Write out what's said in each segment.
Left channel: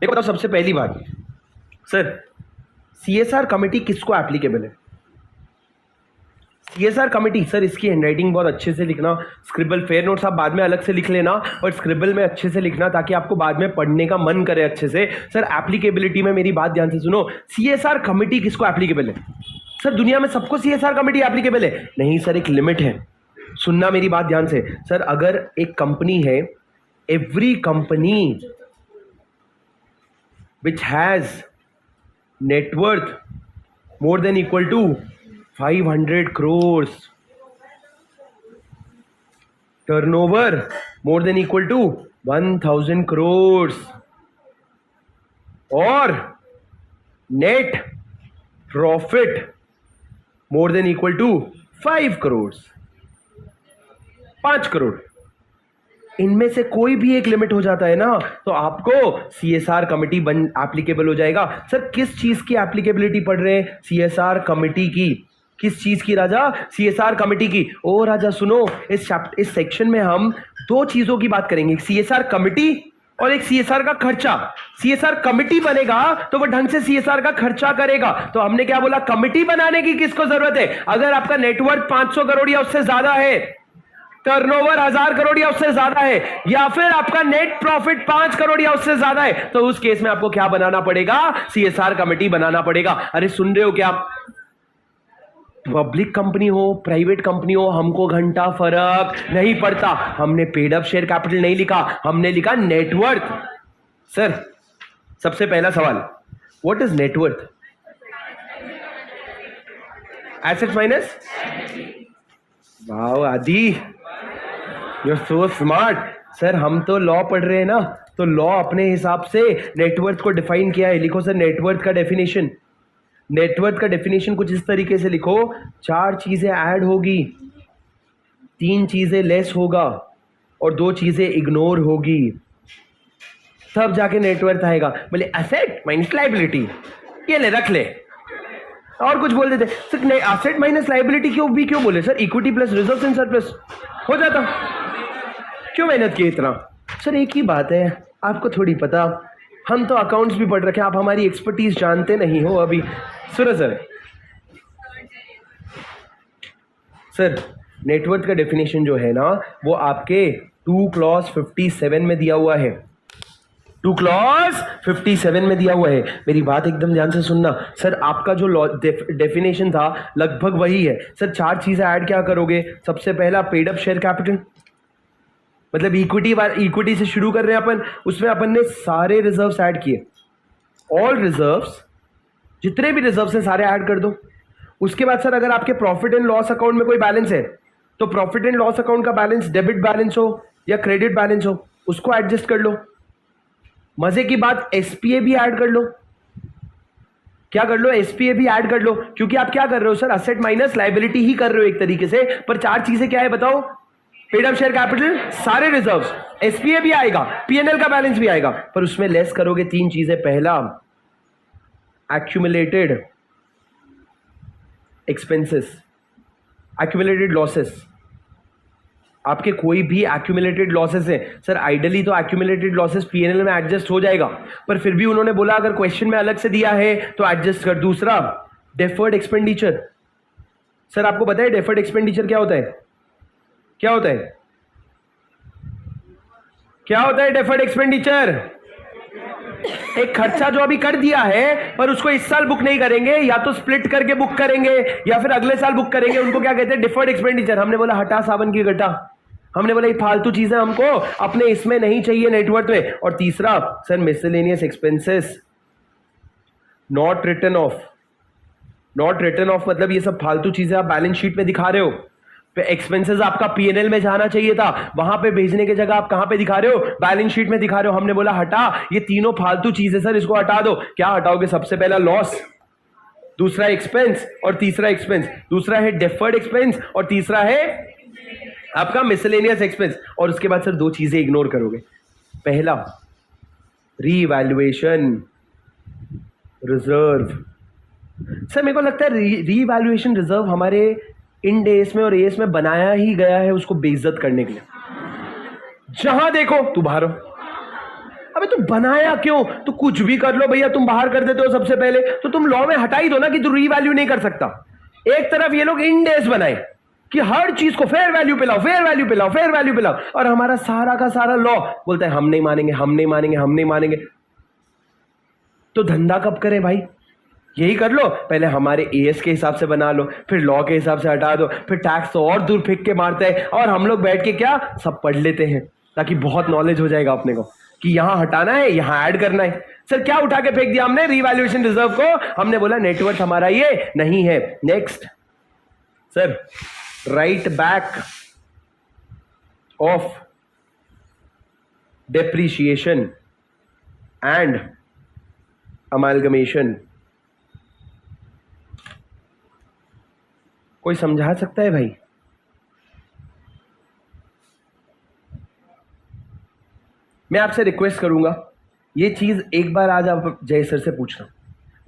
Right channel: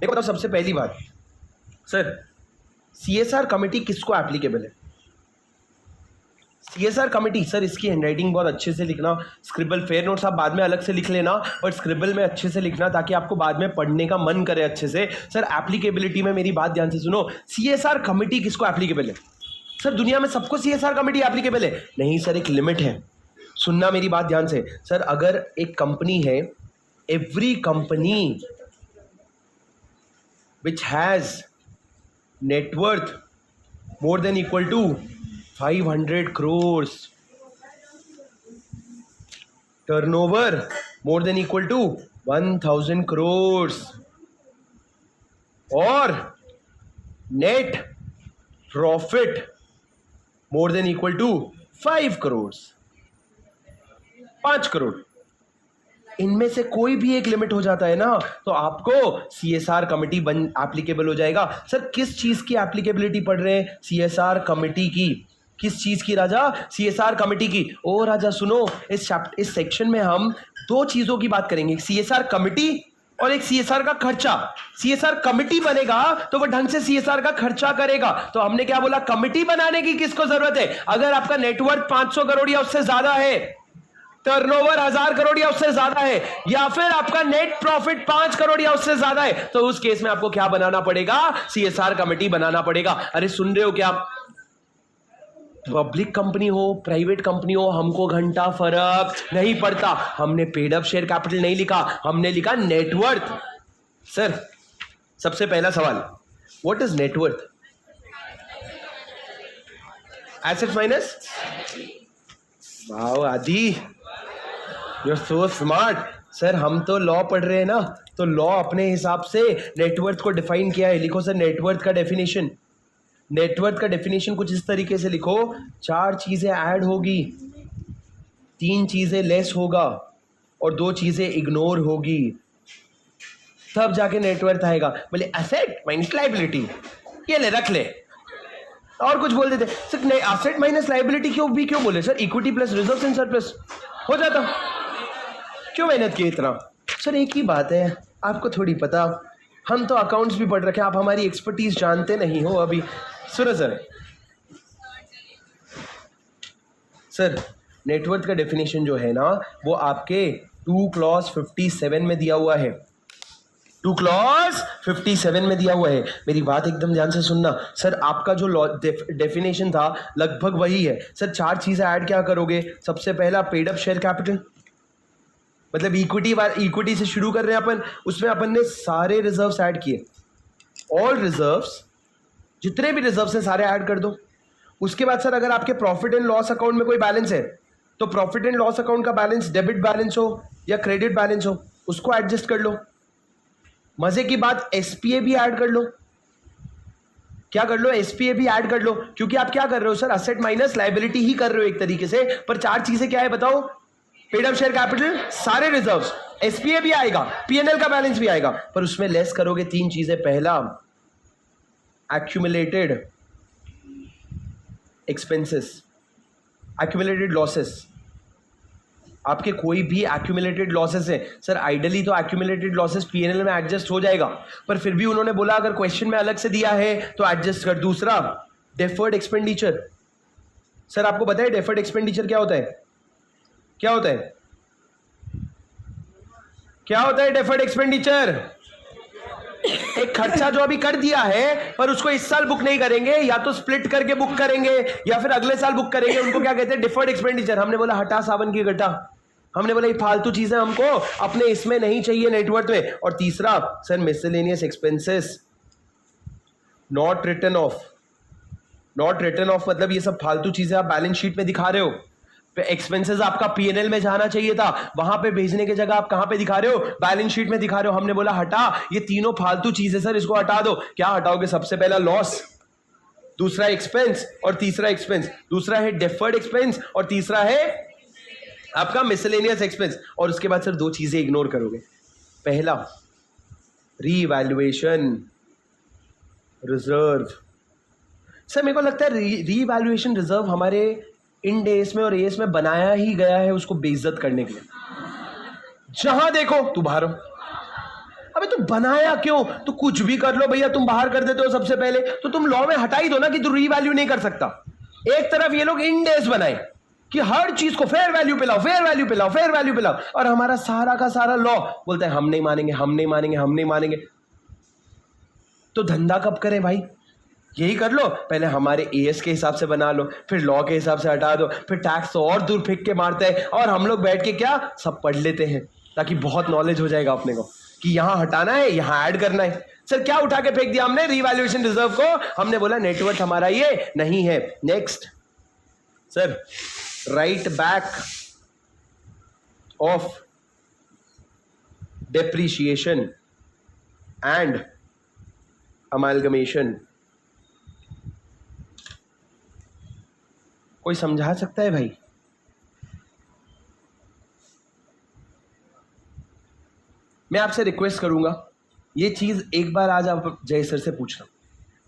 देखो बताओ सबसे पहली बात, सर सीएसआर कमेटी किसको एप्लीकेबल है? सीएसआर कमेटी, सर इसकी हैंडराइटिंग बहुत अच्छे से लिखना, स्क्रिबल फेयर नोट्स आप बाद में अलग से लिख लेना और स्क्रिबल में अच्छे से लिखना ताकि आपको बाद में पढ़ने का मन करे अच्छे से। सर एप्लीकेबिलिटी में मेरी बात ध्यान से सुनो, सीएसआर कमेटी किसको एप्लीकेबल है? सर दुनिया में सबको सीएसआर कमेटी एप्लीकेबल है? नहीं सर, एक लिमिट है। सुनना मेरी बात ध्यान से। सर अगर एक कंपनी है, every company which has net worth more than equal to 500 crores, turnover more than equal to 1000 crores, और net profit more than equal to 5 crores, 5 crore, इनमें से कोई भी एक लिमिट हो जाता है ना तो आपको सीएसआर कमेटी बन एप्लीकेबल हो जाएगा। सर किस चीज की एप्लीकेबिलिटी पढ़ रहे हैं? सीएसआर कमेटी की। किस चीज की राजा? सीएसआर कमेटी की। ओ राजा सुनो, इस सेक्शन में हम दो चीजों की बात करेंगे, सीएसआर कमेटी और एक सीएसआर का खर्चा। सीएसआर कमेटी बनेगा तो वो ढंग से सीएसआर का खर्चा करेगा। तो हमने क्या बोला, कमेटी बनाने की किसको जरूरत है? अगर आपका नेटवर्थ 500 करोड़ या उससे ज्यादा है, टर्नओवर 1000 करोड़ या उससे ज्यादा है, या फिर आपका नेट प्रॉफिट 5 करोड़ या उससे ज्यादा है, तो उस केस में आपको क्या बनाना पड़ेगा? सीएसआर कमेटी बनाना पड़ेगा। अरे सुन रहे हो क्या? पब्लिक कंपनी हो, प्राइवेट कंपनी हो, हमको घंटा फर्क नहीं पड़ता। हमने पेड अप शेयर कैपिटल नहीं लिखा, हमने लिखा नेटवर्थ। सर सबसे पहला सवाल, what is net worth? Asset minus, वाह Aadi, you are so smart. Sir हम तो लॉ पढ़ रहे हैं ना, तो लॉ अपने हिसाब से नेटवर्थ को डिफाइन किया है। लिखो सर नेटवर्थ का डेफिनेशन। नेटवर्थ का डेफिनेशन कुछ इस तरीके से लिखो, 4 चीजें ऐड होगी, 3 चीजें लेस होगा और 2 चीजें इग्नोर होगी, तब जाके नेटवर्थ आएगा। बोले एसेट माइनस लायबिलिटी, ये ले रख ले, और कुछ बोल देते सर एसेट माइनस लायबिलिटी क्यों बोले sir? Equity plus reserves and surplus हो जाता, क्यों मेहनत की इतना? सर एक ही बात है, आपको थोड़ी पता, हम तो अकाउंट्स भी पढ़ रखे, आप हमारी एक्सपर्टीज जानते नहीं हो अभी। सुनो सर नेटवर्थ का डेफिनेशन जो है ना वो आपके 2 क्लॉज 57 में दिया हुआ है। 2 क्लॉज 57 में दिया हुआ है। मेरी बात एकदम ध्यान से सुनना। सर आपका जो डेफिनेशन था लगभग वही है। सर 4 चीजें ऐड क्या करोगे? सबसे पहला पेड अप शेयर कैपिटल, मतलब इक्विटी से शुरू कर रहे हैं अपन, उसमें अपन ने सारे रिजर्व्स ऐड किए, ऑल रिजर्व्स, जितने भी रिजर्व्स हैं सारे ऐड कर दो। उसके बाद सर अगर आपके प्रॉफिट एंड लॉस अकाउंट में कोई बैलेंस है तो प्रॉफिट एंड लॉस अकाउंट का बैलेंस डेबिट बैलेंस हो या क्रेडिट बैलेंस हो उसको एडजस्ट कर लो। मजे की बात, एसपीए भी ऐड कर लो। क्या कर लो? एसपीए भी ऐड कर लो, क्योंकि आप क्या कर रहे हो सर? असेट माइनस लायबिलिटी ही कर रहे हो एक तरीके से। पर 4 चीजें क्या है बताओ? पेड अप शेयर कैपिटल, सारे रिजर्व्स, एसपीए भी आएगा, पीएनएल का बैलेंस भी आएगा, पर उसमें लेस करोगे 3 चीजें। पहला एक्यूमुलेटेड एक्सपेंसेस, एक्यूमुलेटेड लॉसेस। आपके कोई भी एक्यूमुलेटेड लॉसेस है सर, आइडियली तो एक्यूमुलेटेड लॉसेस पीएनएल में एडजस्ट हो जाएगा, पर फिर भी उन्होंने बोला अगर क्वेश्चन में अलग से दिया है तो एडजस्ट कर। दूसरा डेफर्ड एक्सपेंडिचर। सर आपको पता है डेफर्ड एक्सपेंडिचर क्या होता है? क्या होता है? क्या होता है डेफर्ड एक्सपेंडिचर? एक खर्चा जो अभी कर दिया है पर उसको इस साल बुक नहीं करेंगे, या तो स्प्लिट करके बुक करेंगे या फिर अगले साल बुक करेंगे, उनको क्या कहते हैं? Deferred expenditure. हमने बोला हटा सावन की घटा, हमने बोला ये फालतू चीजें हमको अपने इसमें नहीं चाहिए नेटवर्थ में। और तीसरा sir miscellaneous expenses not written off. Not written off मतलब ये सब फालतू चीजें आप बैलेंस शीट में दिखा रहे हो, एक्सपेंसेस आपका पीएनएल में जाना चाहिए था, वहां पे भेजने की जगह आप कहां पे दिखा रहे हो? बैलेंस शीट में दिखा रहे हो। हमने बोला हटा, ये तीनों फालतू चीजें सर, इसको हटा दो। क्या हटाओगे? सबसे पहला लॉस, दूसरा एक्सपेंस और तीसरा एक्सपेंस। दूसरा है डेफर्ड एक्सपेंस और तीसरा है आपका मिसलेनियस एक्सपेंस। और उसके बाद सर 2 चीजें इग्नोर करोगे। पहला रीवैल्यूएशन रिजर्व। सर मेरे को लगता है रीवैल्यूएशन रिजर्व हमारे इंड एस में और एस में बनाया ही गया है उसको बेइज्जत करने के लिए। जहां देखो तू बाहर हो, अबे तुम बनाया क्यों? तो कुछ भी कर लो भैया, तुम बाहर कर देते हो सबसे पहले, तो तुम लॉ में हटा ही दो ना कि तू रीवैल्यू नहीं कर सकता। एक तरफ ये लोग इंडेस बनाए कि हर चीज को फेयर वैल्यू पे लाओ, फेयर वैल्यू पे लाओ, फेयर वैल्यू पे लाओ, और हमारा सारा का सारा लॉ बोलता है हम नहीं मानेंगे, हम नहीं मानेंगे, हम नहीं मानेंगे। तो धंधा कब करें भाई? यही कर लो, पहले हमारे एएस के हिसाब से बना लो, फिर लॉ के हिसाब से हटा दो, फिर टैक्स तो और दूर फेंक के मारते हैं, और हम लोग बैठ के क्या सब पढ़ लेते हैं, ताकि बहुत नॉलेज हो जाएगा अपने को कि यहां हटाना है, यहां ऐड करना है। सर क्या उठा के फेंक दिया हमने? रीवैल्यूएशन रिजर्व को। हमने बोला नेटवर्थ हमारा ये नहीं है। Next sir, right back of depreciation and amalgamation, कोई समझा सकता है भाई? मैं आपसे रिक्वेस्ट करूंगा, ये चीज एक बार आज आप जय सर से पूछना,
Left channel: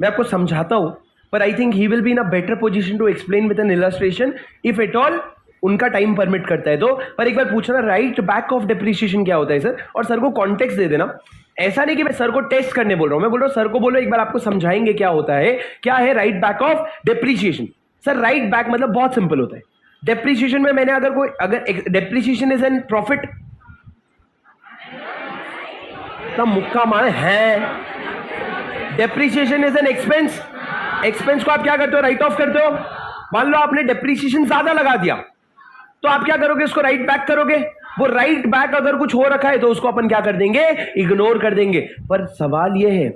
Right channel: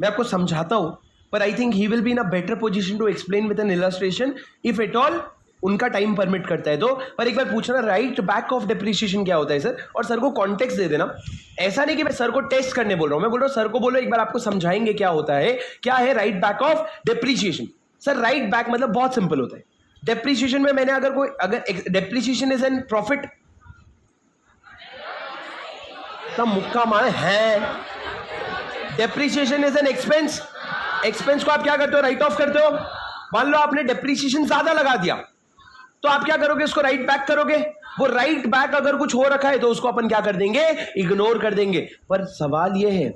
मैं आपको समझाता हूं, पर I think he will be in a better position to explain with an illustration if at all उनका टाइम परमिट करता है तो। पर एक बार पूछना राइट बैक ऑफ डेप्रिसिएशन क्या होता है सर, और सर को कॉन्टेक्स्ट दे देना। ऐसा नहीं कि मैं सर को टेस्ट करने बोल रहा हूं, मैं बोल रहा हूं सर को बोलो एक बार आपको समझाएंगे क्या होता है, क्या है right back of depreciation. Sir right back मतलब बहुत सिंपल होता है। डेप्रिसिएशन में मैंने अगर डेप्रिसिएशन इज एन प्रॉफिट, तब मुक्का मारे है। Depreciation is an expense, expense को आप क्या करते हो? राइट ऑफ करते हो। मान लो आपने डेप्रिसिएशन ज्यादा लगा दिया, तो आप क्या करोगे? उसको राइट बैक करोगे। वो राइट बैक अगर कुछ हो रखा है तो उसको अपन क्या कर देंगे? इग्नोर कर देंगे। पर सवाल यह है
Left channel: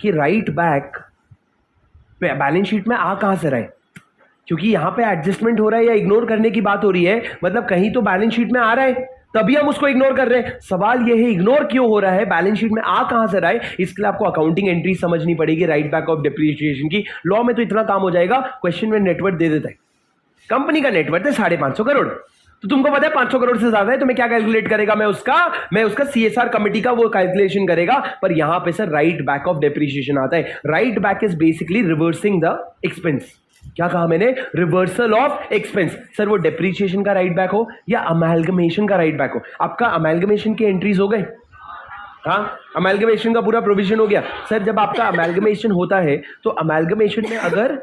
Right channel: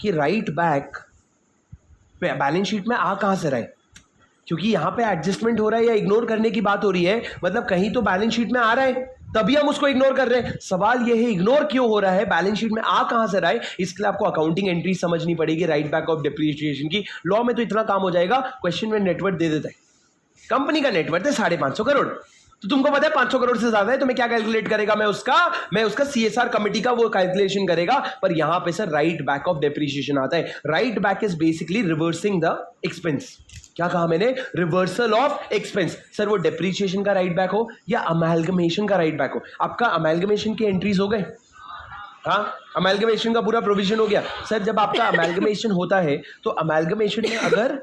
कि राइट बैक बैलेंस शीट में आ कहां से रहा है? क्योंकि यहां पे एडजस्टमेंट हो रहा है या इग्नोर करने की बात हो रही है, मतलब कहीं तो बैलेंस शीट में आ रहा है, तभी हम उसको इग्नोर कर रहे हैं। सवाल यह है इग्नोर क्यों हो रहा है, बैलेंस शीट में आ कहां से रहा है? इसके लिए आपको अकाउंटिंग एंट्री समझनी पड़ेगी राइट बैक ऑफ डेप्रिसिएशन की। लॉ में तो इतना काम हो जाएगा, क्वेश्चन में नेटवर्थ दे देता है। कंपनी का नेटवर्थ है 550 करोड़, तो तुमको पता है 500 करोड़ से ज्यादा है, तो मैं क्या कैलकुलेट करेगा? मैं उसका सीएसआर कमेटी का वो कैलकुलेशन करेगा। पर यहां पे sir right back of depreciation आता है। Right back is basically reversing the expense. क्या कहा मैंने? Reversal of expense. सर वो डेप्रिसिएशन का राइट बैक हो या अमेलगमेशन का राइट बैक हो। आपका अमेलगमेशन के एंट्रीज हो गए? हाँ, अमेलगमेशन का पूरा प्रोविजन हो गया। सर जब आपका अमेलगमेशन होता है तो अमेलगमेशन में अगर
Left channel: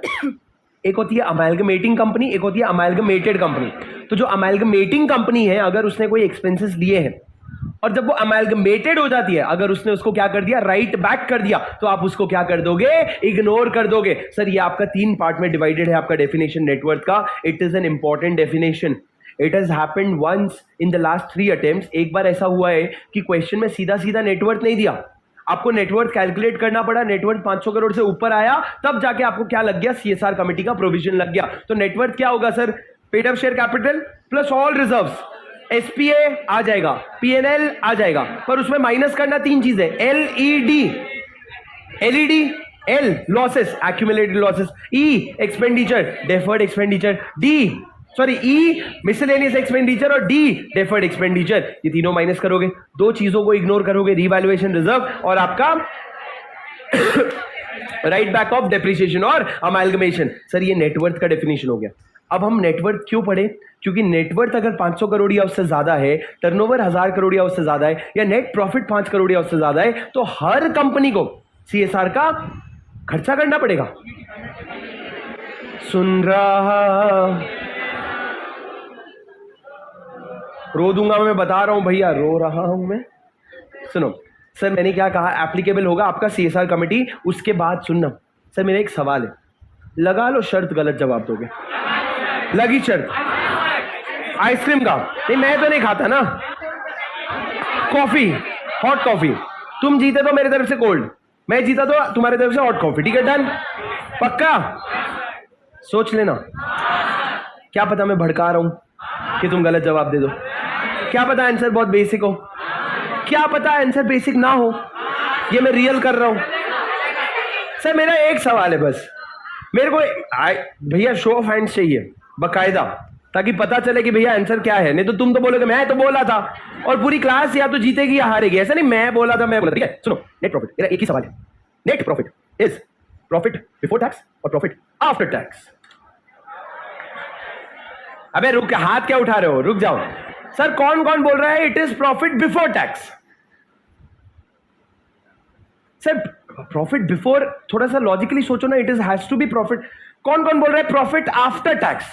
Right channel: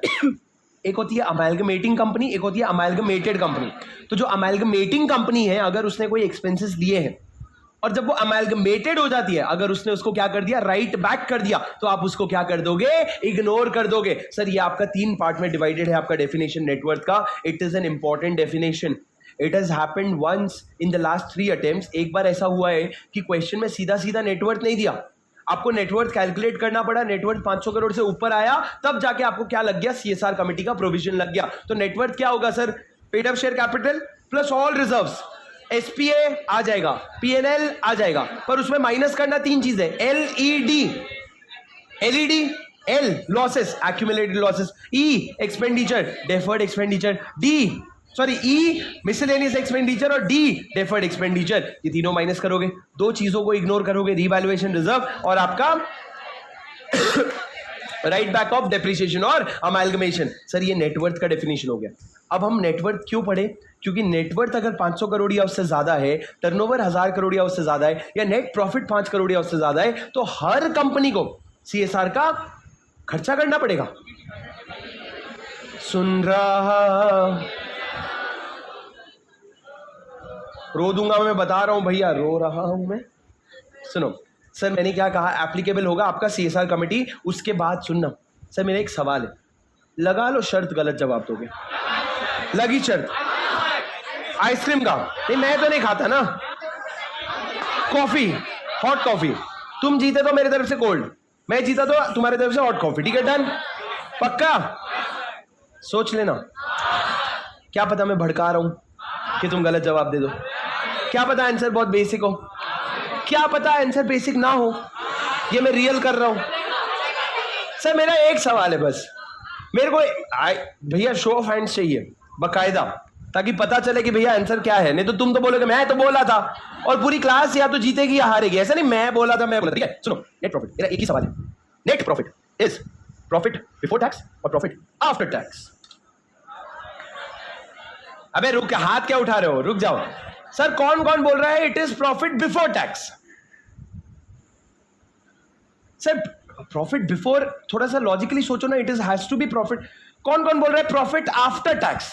एक होती है अमेलगमेटिंग कंपनी, एक होती है अमेलगमेटेड कंपनी। तो जो अमेलगमेटिंग कंपनी है, अगर उसने कोई एक्सपेंसेस लिए हैं और जब वो अमेलगमेटेड हो जाती है, अगर उसने उसको क्या कर दिया? राइट बैक कर दिया, तो आप उसको क्या कर दोगे? इग्नोर कर दोगे। सर ये आपका 3 पार्ट में डिवाइडेड है आपका डेफिनेशन नेटवर्थ का। It is an important definition. It has happened once in the last 3 attempts. एक बार ऐसा हुआ है कि क्वेश्चन में सीधा सीधा नेटवर्थ नहीं दिया, आपको नेटवर्थ कैलकुलेट करना पड़ा। नेटवर्थ 500 करोड़ से ऊपर आया, तब जाके आपको क्या लग गया? सीएसआर कमेटी का प्रोविजन लग गया। तो नेटवर्थ क्या होगा sir? Paid up share capital plus all reserves. SPA आ जाएगा, पीएनएल आ जाएगा, पर उसमें माइनस करना 3 चीजें। LED, L losses, accumulated losses, E expenditure, deferred expenditure, E miscellaneous expenditure, और डी डेफर्ड एक्सपेंडिचर। ये तीनों माइनस करोगे, 2 चीजों को इग्नोर करोगे, रीवैल्यूएशन रिजर्व और आपका राइट बैक ऑफ डेप्रिसिएशन और अमेलगमेशन। सर ये नेटवर्थ का डेफिनेशन हो गया। अब हम नेटवर्थ क्यों पढ़े? क्योंकि नेटवर्थ अगर 500 करोड़ या उससे ज्यादा है, टर्नओवर 1000 करोड़ या उससे ज्यादा है, या नेट प्रॉफिट 5 करोड़ या उससे ज्यादा है, तो हर कंपनी को सीएसआर का खर्चा करना पड़ेगा। सुन रहा, रो दूंगा मैं, बता रहा हूं भैया, रो रहा हूं मैं। सुनो सर, मैंने क्या कहा? एप्लीकेबल होगा आपका सीएसआर कमेटी। उसके बाद सुनना सर, मेरा एक सवाल है, लगा लो शर्त, गलत जवाब दोगे। लगी शर्त आइसक्रीम का? नहीं, मैं तो नहीं खाता ना। Coffee, hot coffee. तुम जीते तो मेरे तरफ से कोल्ड, मैं जीता तो तुम्हारे तरफ से हॉट कॉफी। ठीक है, डन? पक्का? सोच लेना। क्या पता मैं भड़का रहा हूं कि तुम गलत जवाब दे दो, क्या पता आंसर बहुत बेसिक हो, क्या पता आंसर बेसिक ना हो, ये मैं रियल कर रहा हूं। सर मेरा एक सवाल है बस, मेरे को भैया शो ऑफ हैंड्स चाहिए बकायदा, ताकि पता चले कि भैया आंसर क्या है। नहीं तो तुम तो बोलोगे मैं तो बोला था, और पूरी क्लास या तो जीतेगी या हारेगी। ऐसा नहीं मैं बोला था, मैं बोला। ठीक है, सुनो, नेट प्रॉफिट, मेरा एक ही सवाल है। Net profit is profit before tax और प्रॉफिट आफ्टर टैक्स। अबे रुक, हाथ क्या उठा रहे हो? रुक जाओ। सर कौन कौन बोल रहा है it is profit before tax? Sir profit before, थोड़ा सा लॉजिकली सोचो ना, it is has to be profit. कौन कौन बोल रहा है प्रॉफिट आफ्टर टैक्स?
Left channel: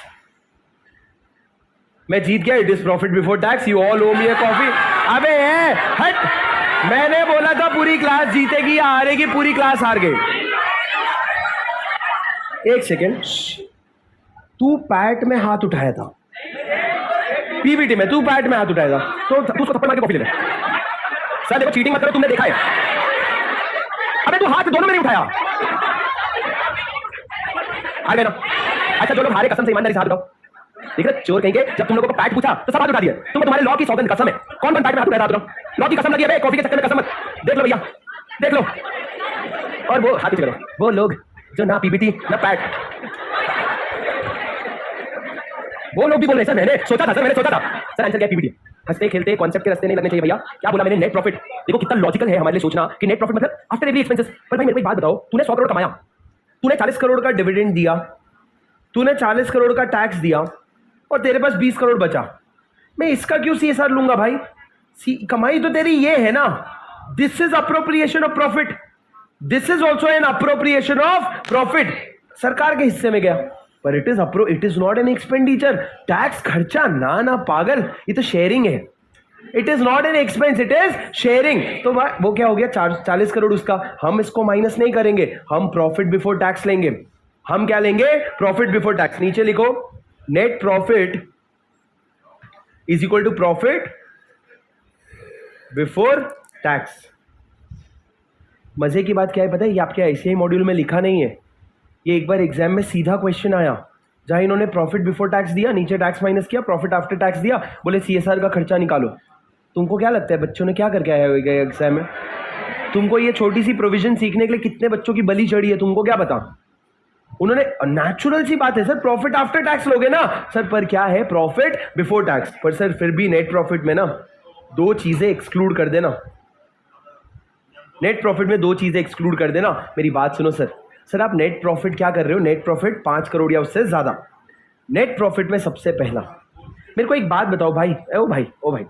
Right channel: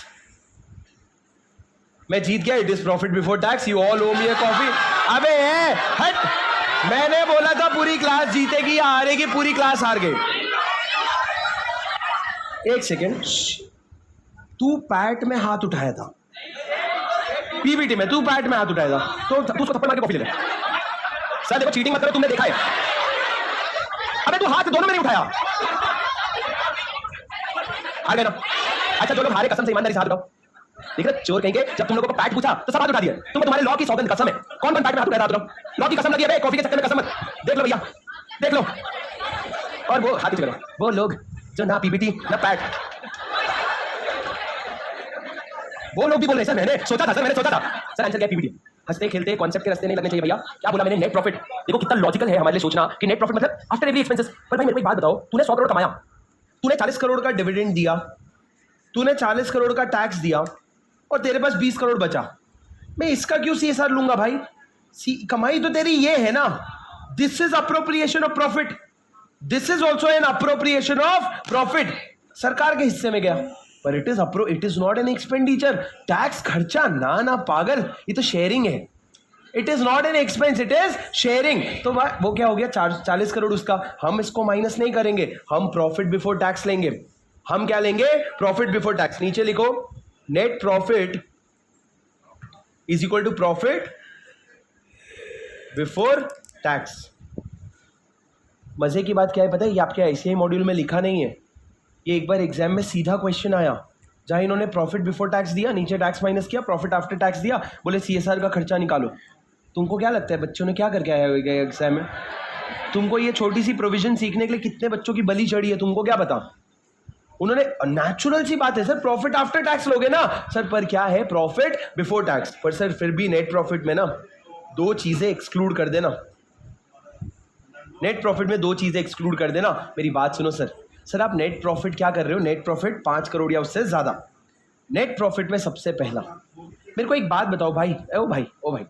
मैं जीत गया, it is profit before tax, you all owe me a coffee. अबे हट, मैंने बोला था पूरी क्लास जीतेगी या हारेगी, पूरी क्लास हार गई। एक सेकेंड, तू पैट में हाथ उठाया था पीबीटी में, तू पैट में हाथ उठाया था तो तू उसको थप्पड़ मार के कॉफी ले ले। सर देखो चीटिंग मत करो, तुमने देखा है। अबे तू हाथ दोनों में नहीं उठाया। हार गए ना? अच्छा जो लोग हारे कसम से ईमानदारी से हाथ उठाओ। देख रहे चोर कहेंगे, जब तुम लोगों को पैट पूछा तो सब हाथ उठा दिए। तुमको तुम्हारे लॉ की सौगंध कसम है, कौन पैट में हाथ उठाया था? लॉ की कसम लगी है, कॉफी के चक्कर में कसम। देख लो भैया, देख लो। और वो हाथ करो, वो लोग जो ना पीबीटी ना पैट, वो लोग भी बोल रहे सर मैंने सोचा था, सर मैंने सोचा था। सर आंसर क्या पीबीटी? हंसते खेलते कॉन्सेप्ट के रास्ते नहीं लगने चाहिए भैया। क्या बोला मैंने? Net profit. देखो कितना लॉजिकल है हमारे लिए सोचना कि नेट प्रॉफिट मतलब आफ्टर एवरी एक्सपेंसेस। पर भाई मेरे को एक बात बताओ, तूने 100 करोड़ कमाया, तूने 40 करोड़ का डिविडेंड दिया, तूने 40 करोड़ का टैक्स दिया और तेरे पास 20 करोड़ बचा, मैं इसका क्यों सीएसआर लूंगा भाई? कमाई तो तेरी ये है ना। This is appropriation of profit, this is also an appropriation of profit. सरकार के हिस्से में गया, पर it is not an expenditure. Tax खर्चा ना ना पागल, ये तो शेयरिंग है। It is not an expense, it is sharing. तो वो क्या हो गया? 40 करोड़ उसका, हम इसको माइनस नहीं करेंगे, हम प्रॉफिट बिफोर टैक्स लेंगे। हम क्या लेंगे? Profit before tax. नीचे लिखो net profit is equal to profit before tax. मजे की बात क्या है पता है? ये आपके आईसीआई मॉड्यूल में लिखा नहीं है, ये एक बार एग्जाम में सीधा क्वेश्चन आया, जहां इन्होंने प्रॉफिट बिफोर टैक्स दिया, नीचे टैक्स माइनस किया, प्रॉफिट आफ्टर टैक्स दिया, बोले सीएसआर का खर्चा निकालो। तुमको क्या लगता है बच्चों ने क्या करके आया होगा एग्जाम में? तुमको ये छोटी सी प्रोविजन सीखने के लिए कितने बच्चों की बलि चढ़ी है, तुमको क्या पता? उन्होंने, नेचुरल सी बात है सर, प्रॉफिट आफ्टर टैक्स लोगे ना सर, पर क्या है? Profit before tax. पर सर फिर भी नेट प्रॉफिट में ना 2 चीजें एक्सक्लूड कर देना, नेट प्रॉफिट में 2 चीजें एक्सक्लूड कर देना। मेरी बात सुनो सर। सर आप नेट प्रॉफिट क्या कर रहे हो? नेट प्रॉफिट 5 करोड़ या उससे ज्यादा। नेट प्रॉफिट में सबसे पहला मेरे को एक बात बताओ भाई, ओ भाई, ओ भाई,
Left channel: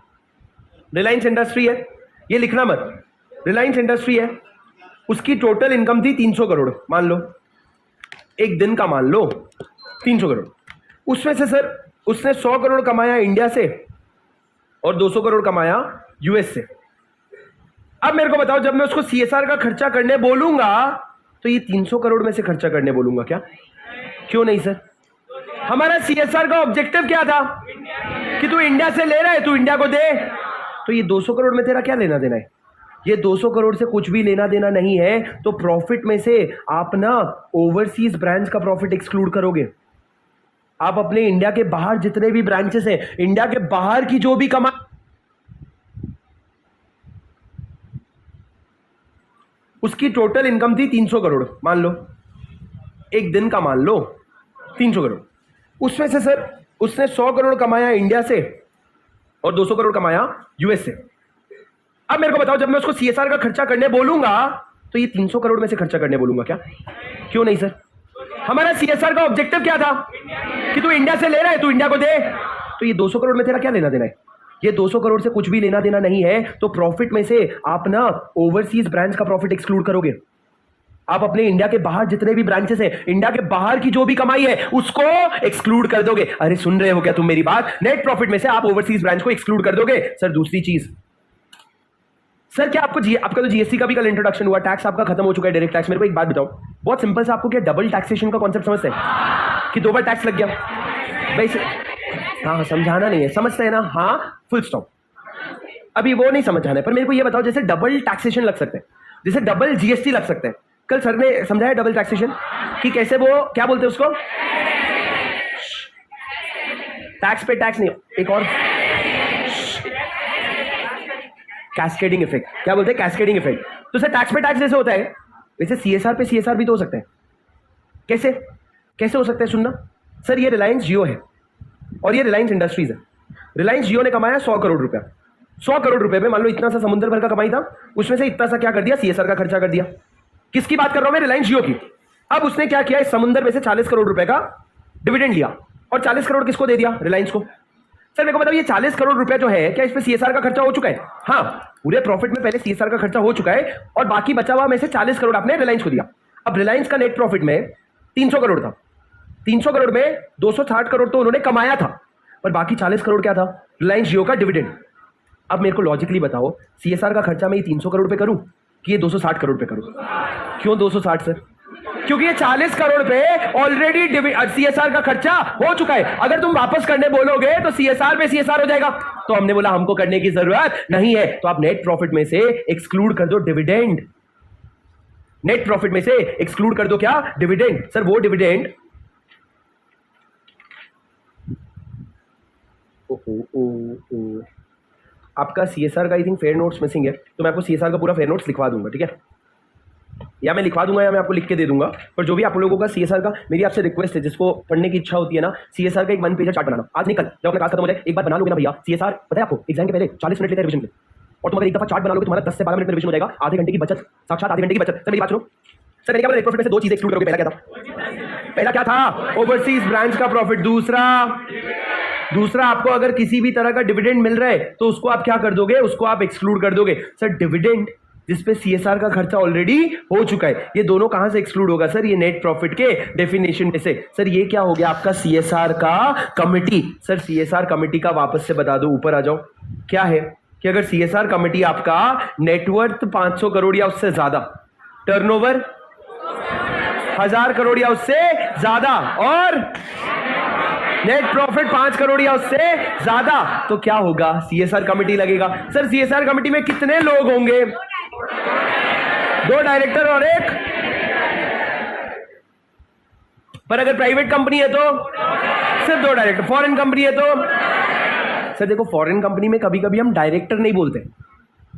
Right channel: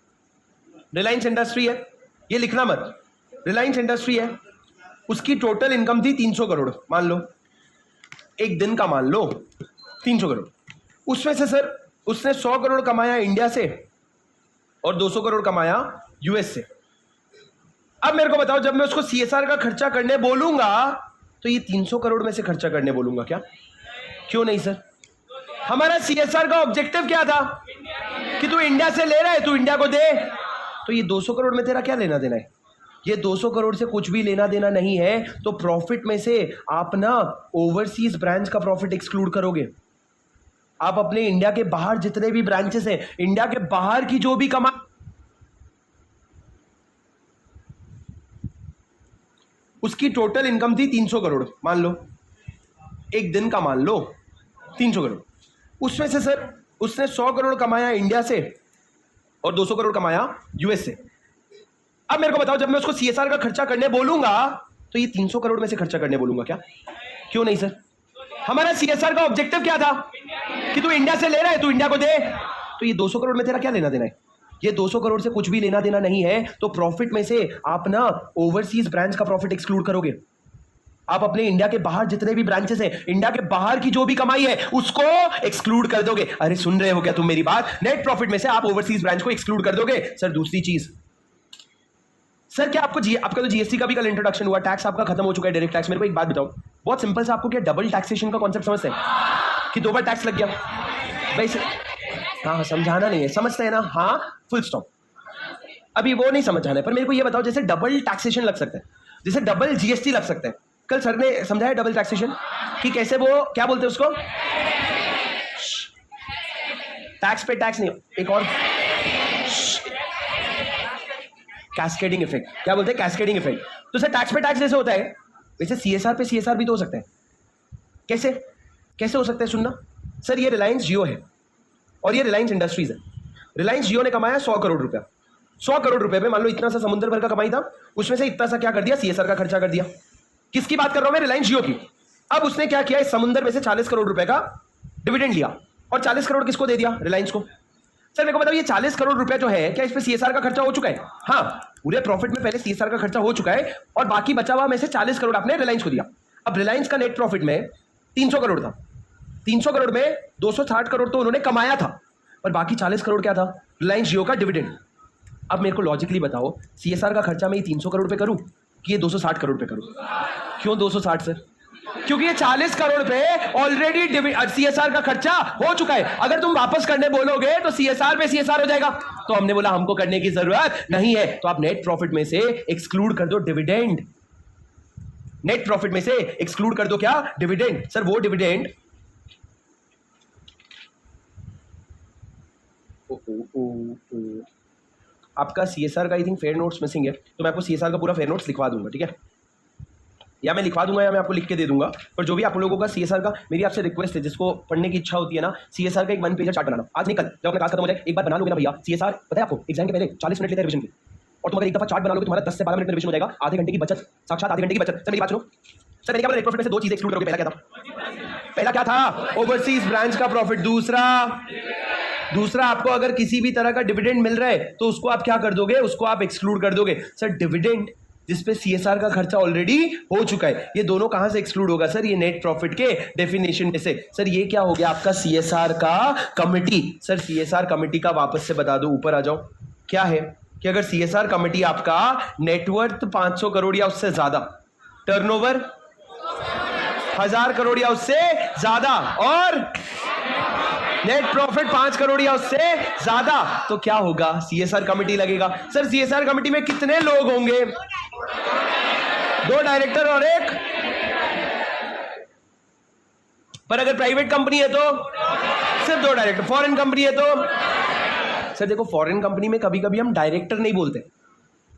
रिलायंस इंडस्ट्री है, ये लिखना मत, रिलायंस इंडस्ट्री है, उसकी टोटल इनकम थी 300 करोड़, मान लो एक दिन का, मान लो 300 करोड़। उसमें से सर उसने 100 करोड़ कमाया इंडिया से और 200 करोड़ कमाया यूएस से। अब मेरे को बताओ, जब मैं उसको सीएसआर का खर्चा करने बोलूंगा तो ये 300 करोड़ में से खर्चा करने बोलूंगा क्या? क्यों नहीं सर? हमारा सीएसआर का ऑब्जेक्टिव क्या था कि तू इंडिया से ले रहा है, तू इंडिया को दे। तो ये 200 करोड़ में तेरा क्या लेना देना है? ये 200 करोड़ से कुछ भी लेना देना नहीं है। तो प्रॉफिट में से आप ना ओवरसीज ब्रांच का प्रॉफिट एक्सक्लूड करोगे। आप अपने इंडिया के बाहर जितने भी ब्रांचेस हैं, इंडिया के बाहर की जो भी कमा, उसकी टोटल इनकम थी 300 करोड़, मान लो एक दिन का, मान लो 300 करोड़। उसमें से सर उसने 100 करोड़ कमाया इंडिया से और 200 करोड़ कमाया यूएस से। अब मेरे को बताओ, जब मैं उसको सीएसआर का खर्चा करने बोलूंगा तो ये 300 करोड़ में से खर्चा करने बोलूंगा क्या? क्यों नहीं सर? हमारा सीएसआर का ऑब्जेक्टिव क्या था कि तू इंडिया से ले रहा है, तू इंडिया को दे। तो ये 200 करोड़ में तेरा क्या लेना देना है? ये 200 करोड़ से कुछ भी लेना देना नहीं है। तो प्रॉफिट में से आप ना ओवरसीज ब्रांच का प्रॉफिट एक्सक्लूड करोगे। आप अपने इंडिया के बाहर जितने भी ब्रांचेस हैं, इंडिया के बाहर की जो भी कमाई है उसको एक्सक्लूड कर दोगे। अरे सुन रहे हो क्या तुम मेरी बात? नेट प्रॉफिट में से आप ओवरसीज ब्रांच को एक्सक्लूड कर दोगे। सर दूसरी चीज, सर क्या आपका तो जीएसटी का भी कल इंट्रोडक्शन हुआ, टैक्स आपका खत्म हो चुका है, डायरेक्ट टैक्स। मेरे को एक बात बताओ, बहुत सिंपल सा, आपको क्या डबल टैक्सेशन का कॉन्सेप्ट समझते हैं कि 2 बार टैक्स लग गया भाई? हाँ समझाना नहीं है, समझते हैं ना? हाँ फुल स्टॉप, अभी वो नहीं समझाना है। पर मेरे को ये बताओ, जैसे डबल टैक्सेशन लग सकते हैं, जैसे डबल जीएसटी लग सकते हैं। कल सर ने समझाया डबल टैक्सेशन कि कैसे, वो क्या बोलते हैं उसको, टैक्स पे टैक्स नहीं, एक और कैस्केडिंग इफेक्ट, क्या बोलते हैं? Cascading effect. तो सर टैक्स पे टैक्स जैसे होता है, वैसे सीएसआर पे सीएसआर भी तो हो सकता है। कैसे कैसे हो सकता है? सुनना सर, ये रिलायंस जियो है और ये रिलायंस इंडस्ट्रीज है। रिलायंस जियो ने कमाया 100 करोड़ रुपया। 100 करोड़ रुपए में मान लो इतना सा समुद्र भर का कमाई था, उसमें से इतना सा क्या कर दिया? सीएसआर का खर्चा कर दिया। किसकी बात कर रहा हूं मैं? रिलायंस जियो की। अब उसने क्या किया? इस समुद्र में से 40 करोड़ रुपए का डिविडेंड लिया और 40 करोड़ किसको दे दिया? रिलायंस को। सर मेरे को बताओ, ये 40 करोड़ रुपए जो है, क्या इस पे सीएसआर का खर्चा हो चुका है? हाँ। पूरे प्रॉफिट में पहले सीएसआर का खर्चा हो चुका है और बाकी बचा हुआ में से 40 करोड़ आपने रिलायंस को दिया। अब रिलायंस का नेट प्रॉफिट में 300 करोड़ था, 300 करोड़ में 260 करोड़ तो उन्होंने कमाया था और बाकी 40 करोड़ क्या था? रिलायंस जियो का डिविडेंड। अब मेरे को लॉजिकली बताओ, सीएसआर का खर्चा मैं ये 300 करोड़ पे करूं कि ये 260 करोड़ पे करूं? क्यों 260 सर? क्योंकि ये 40 करोड़ पे ऑलरेडी सीएसआर का खर्चा हो चुका है। अगर तुम वापस करने बोलोगे तो सीएसआर पे सीएसआर हो जाएगा। तो हमने बोला हमको करने की जरूरत नहीं है, तो आप नेट प्रॉफिट में से एक्सक्लूड कर दो डिविडेंड। नेट प्रॉफिट में से एक्सक्लूड कर दो क्या? डिविडेंड। सर वो डिविडेंड आपका सीएसआर का I think fair notes missing है, तो मैं आपको सीएसआर का पूरा फेयर नोट्स लिखवा दूंगा, ठीक है? या मैं लिखवा दूंगा या मैं आपको लिख के दे दूंगा, पर जो भी आप लोगों का सीएसआर का, मेरी आपसे रिक्वेस्ट है, जिसको पढ़ने की इच्छा होती है ना, सीएसआर का एक 1 पेज चार्ट बनाना। आज निकल जब अपना क्लास खत्म हो जाए एक बार बना लोगे ना भैया सीएसआर, पता है आपको एग्जाम के पहले 40 मिनट लेते हैं रिवीजन के, और तुम अगर एक दफा चार्ट बना लोगे तुम्हारा 10 से 12 मिनट में रिवीजन हो जाएगा। आधे घंटे की बचत, साक्षात आधे घंटे की बचत। सर मेरी बात सुनो, सर मैंने क्या बोला, नेट प्रॉफिट में से दो चीजें एक्सक्लूड करोगे। पहला क्या था? पहला क्या था? ओवरसीज ब्रांच का प्रॉफिट। दूसरा आपको अगर किसी भी तरह का डिविडेंड मिल रहा है तो उसको आप क्या कर दोगे? उसको आप एक्सक्लूड कर दोगे। सर डिविडेंड जिसपे सीएसआर का खर्चा ऑलरेडी हो चुका है, ये दोनों कहां से एक्सक्लूड होगा? सर ये नेट प्रॉफिट के डेफिनेशन में से। सर ये क्या हो गया आपका? सीएसआर का कमिटी। सर सीएसआर कमिटी का वापस से बता दो, ऊपर आ जाओ। क्या है कि अगर सीएसआर कमिटी आपका नेटवर्थ 500 करोड़ या उससे ज्यादा, टर्नओवर 1000 करोड़ या उससे ज्यादा, और नेट प्रॉफिट 5 करोड़ या उससे ज्यादा, तो क्या होगा? सीएसआर कमिटी लगेगा। सर सीएसआर कमिटी में कितने लोग होंगे? 2 डायरेक्टर और 1। पर अगर प्राइवेट कंपनी है तो सिर्फ 2 डायरेक्टर। फॉरेन कंपनी है तो सर देखो, फॉरेन कंपनी में कभी कभी हम डायरेक्टर नहीं बोलते,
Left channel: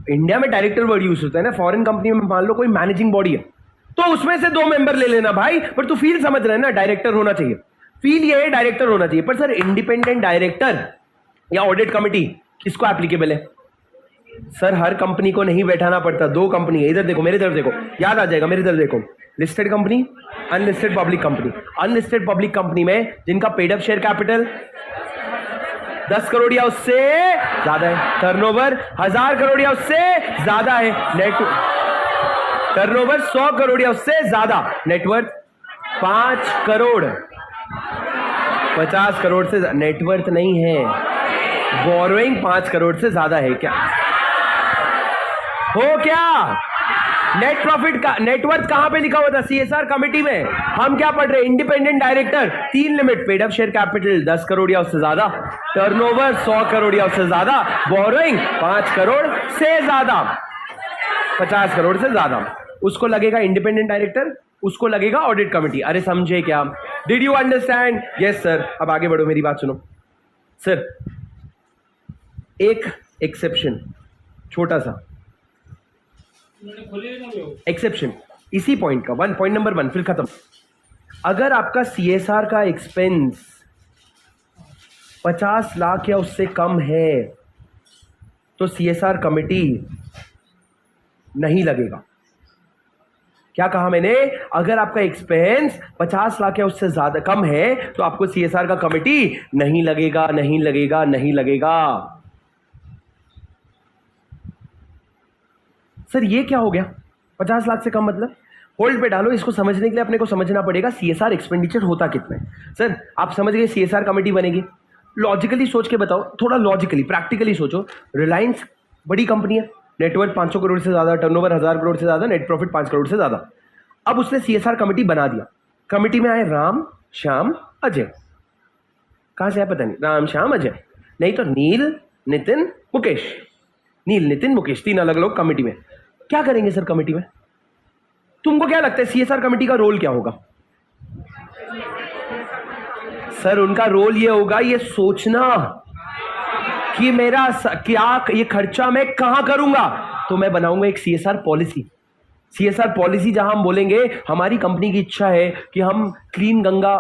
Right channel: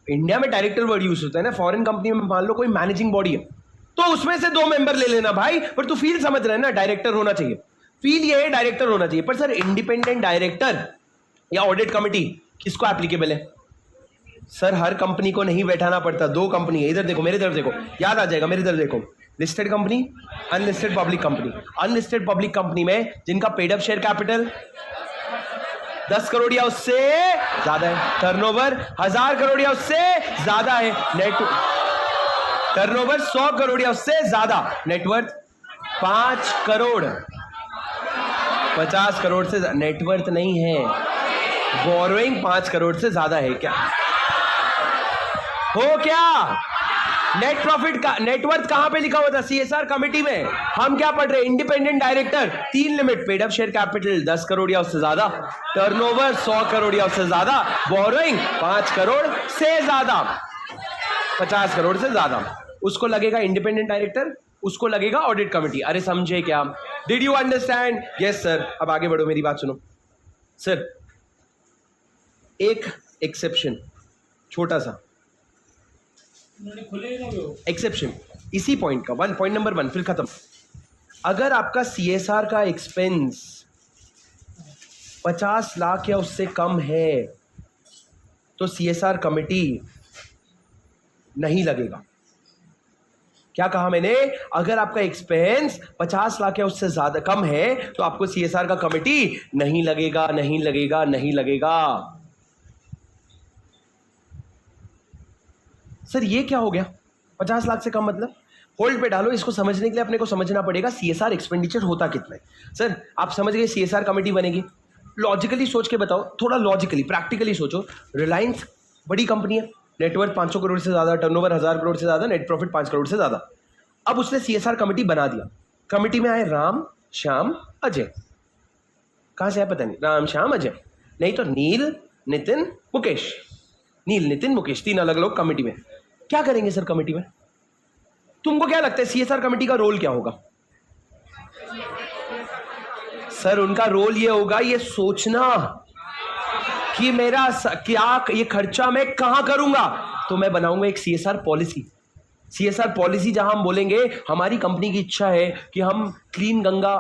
इंडिया में डायरेक्टर वर्ड यूज होता है ना। फॉरेन कंपनी में मान लो कोई मैनेजिंग बॉडी है तो उसमें से 2 मेंबर ले लेना भाई, पर तू फील समझ रहे हैं ना, डायरेक्टर होना चाहिए। फील ये है डायरेक्टर होना चाहिए। पर सर इंडिपेंडेंट डायरेक्टर या ऑडिट कमिटी किसको एप्लीकेबल है? सर हर कंपनी को नहीं बैठाना पड़ता। 2 कंपनी है, इधर देखो, मेरी तरफ देखो, याद आ जाएगा, मेरी तरफ देखो। Listed company, unlisted public company. Unlisted public company में जिनका paid up share capital 10 crore या उससे ज्यादा है, टर्नओवर 1000 करोड़ या उससे ज्यादा है, नेट टर्नओवर 100 करोड़ या उससे ज्यादा, नेटवर्थ 5 करोड़ 50 करोड़ से नेटवर्थ नहीं है, बोरोइंग 5 करोड़ से ज्यादा है। क्या हो? क्या नेट प्रॉफिट का नेटवर्थ कहां पे लिखा हुआ था? सीएसआर कमिटी में। हम क्या पढ़ रहे हैं? Independent director 3 limit, paid up share capital 10 crore या उससे ज्यादा, टर्नओवर 100 करोड़ या उससे ज्यादा, बोरोइंग 5 करोड़ से ज्यादा, 50 करोड़ से ज्यादा। उसको लगेगा इंडिपेंडेंट डायरेक्टर, उसको लगेगा ऑडिट कमिटी। अरे समझे क्या? Did you understand? Yes sir. अब आगे बढ़ो, मेरी बात सुनो सर। एक एक्सेप्शन, छोटा सा एक्सेप्शन इसी पॉइंट का, पॉइंट नंबर 1 फिर खत्म। अगर आपका सीएसआर का एक्सपेंस 50 लाख या उससे कम है तो सीएसआर कमिटी नहीं लगेगा। क्या कहा मैंने? अगर आपका एक्सपेंस 50 लाख या उससे ज्यादा कम है तो आपको सीएसआर का कमिटी नहीं लगेगा, नहीं लगेगा, नहीं लगेगा। सर ये क्या हो गया? 50 लाख से कम मतलब? होल्ड पे डालो, इसको समझने के लिए अपने को समझना पड़ेगा सीएसआर एक्सपेंडिचर होता कितना है। सर आप समझ गए सीएसआर कमेटी बनेगी, लॉजिकली सोच के बताओ, थोड़ा लॉजिकली प्रैक्टिकली सोचो। रिलायंस बड़ी कंपनी है, नेटवर्थ 500 करोड़ से ज्यादा, टर्नओवर 1000 करोड़ से ज्यादा, नेट प्रॉफिट 5 करोड़ से ज्यादा। अब उसने सीएसआर कमेटी बना दिया। कमेटी में आए राम, श्याम, अजय। कहां से आए पता नहीं, राम, श्याम, अजय, नहीं तो नील, नितिन, मुकेश। नील, नितिन, मुकेश, 3 अलग लोग कमेटी में। क्या करेंगे सर कमेटी में? तुमको क्या लगता है सीएसआर कमेटी का रोल क्या होगा? सर उनका रोल ये होगा, ये सोचना कि मेरा क्या ये खर्चा मैं कहां करूंगा। तो मैं बनाऊंगा एक सीएसआर पॉलिसी। सीएसआर पॉलिसी जहां हम बोलेंगे हमारी कंपनी की इच्छा है कि हम क्लीन गंगा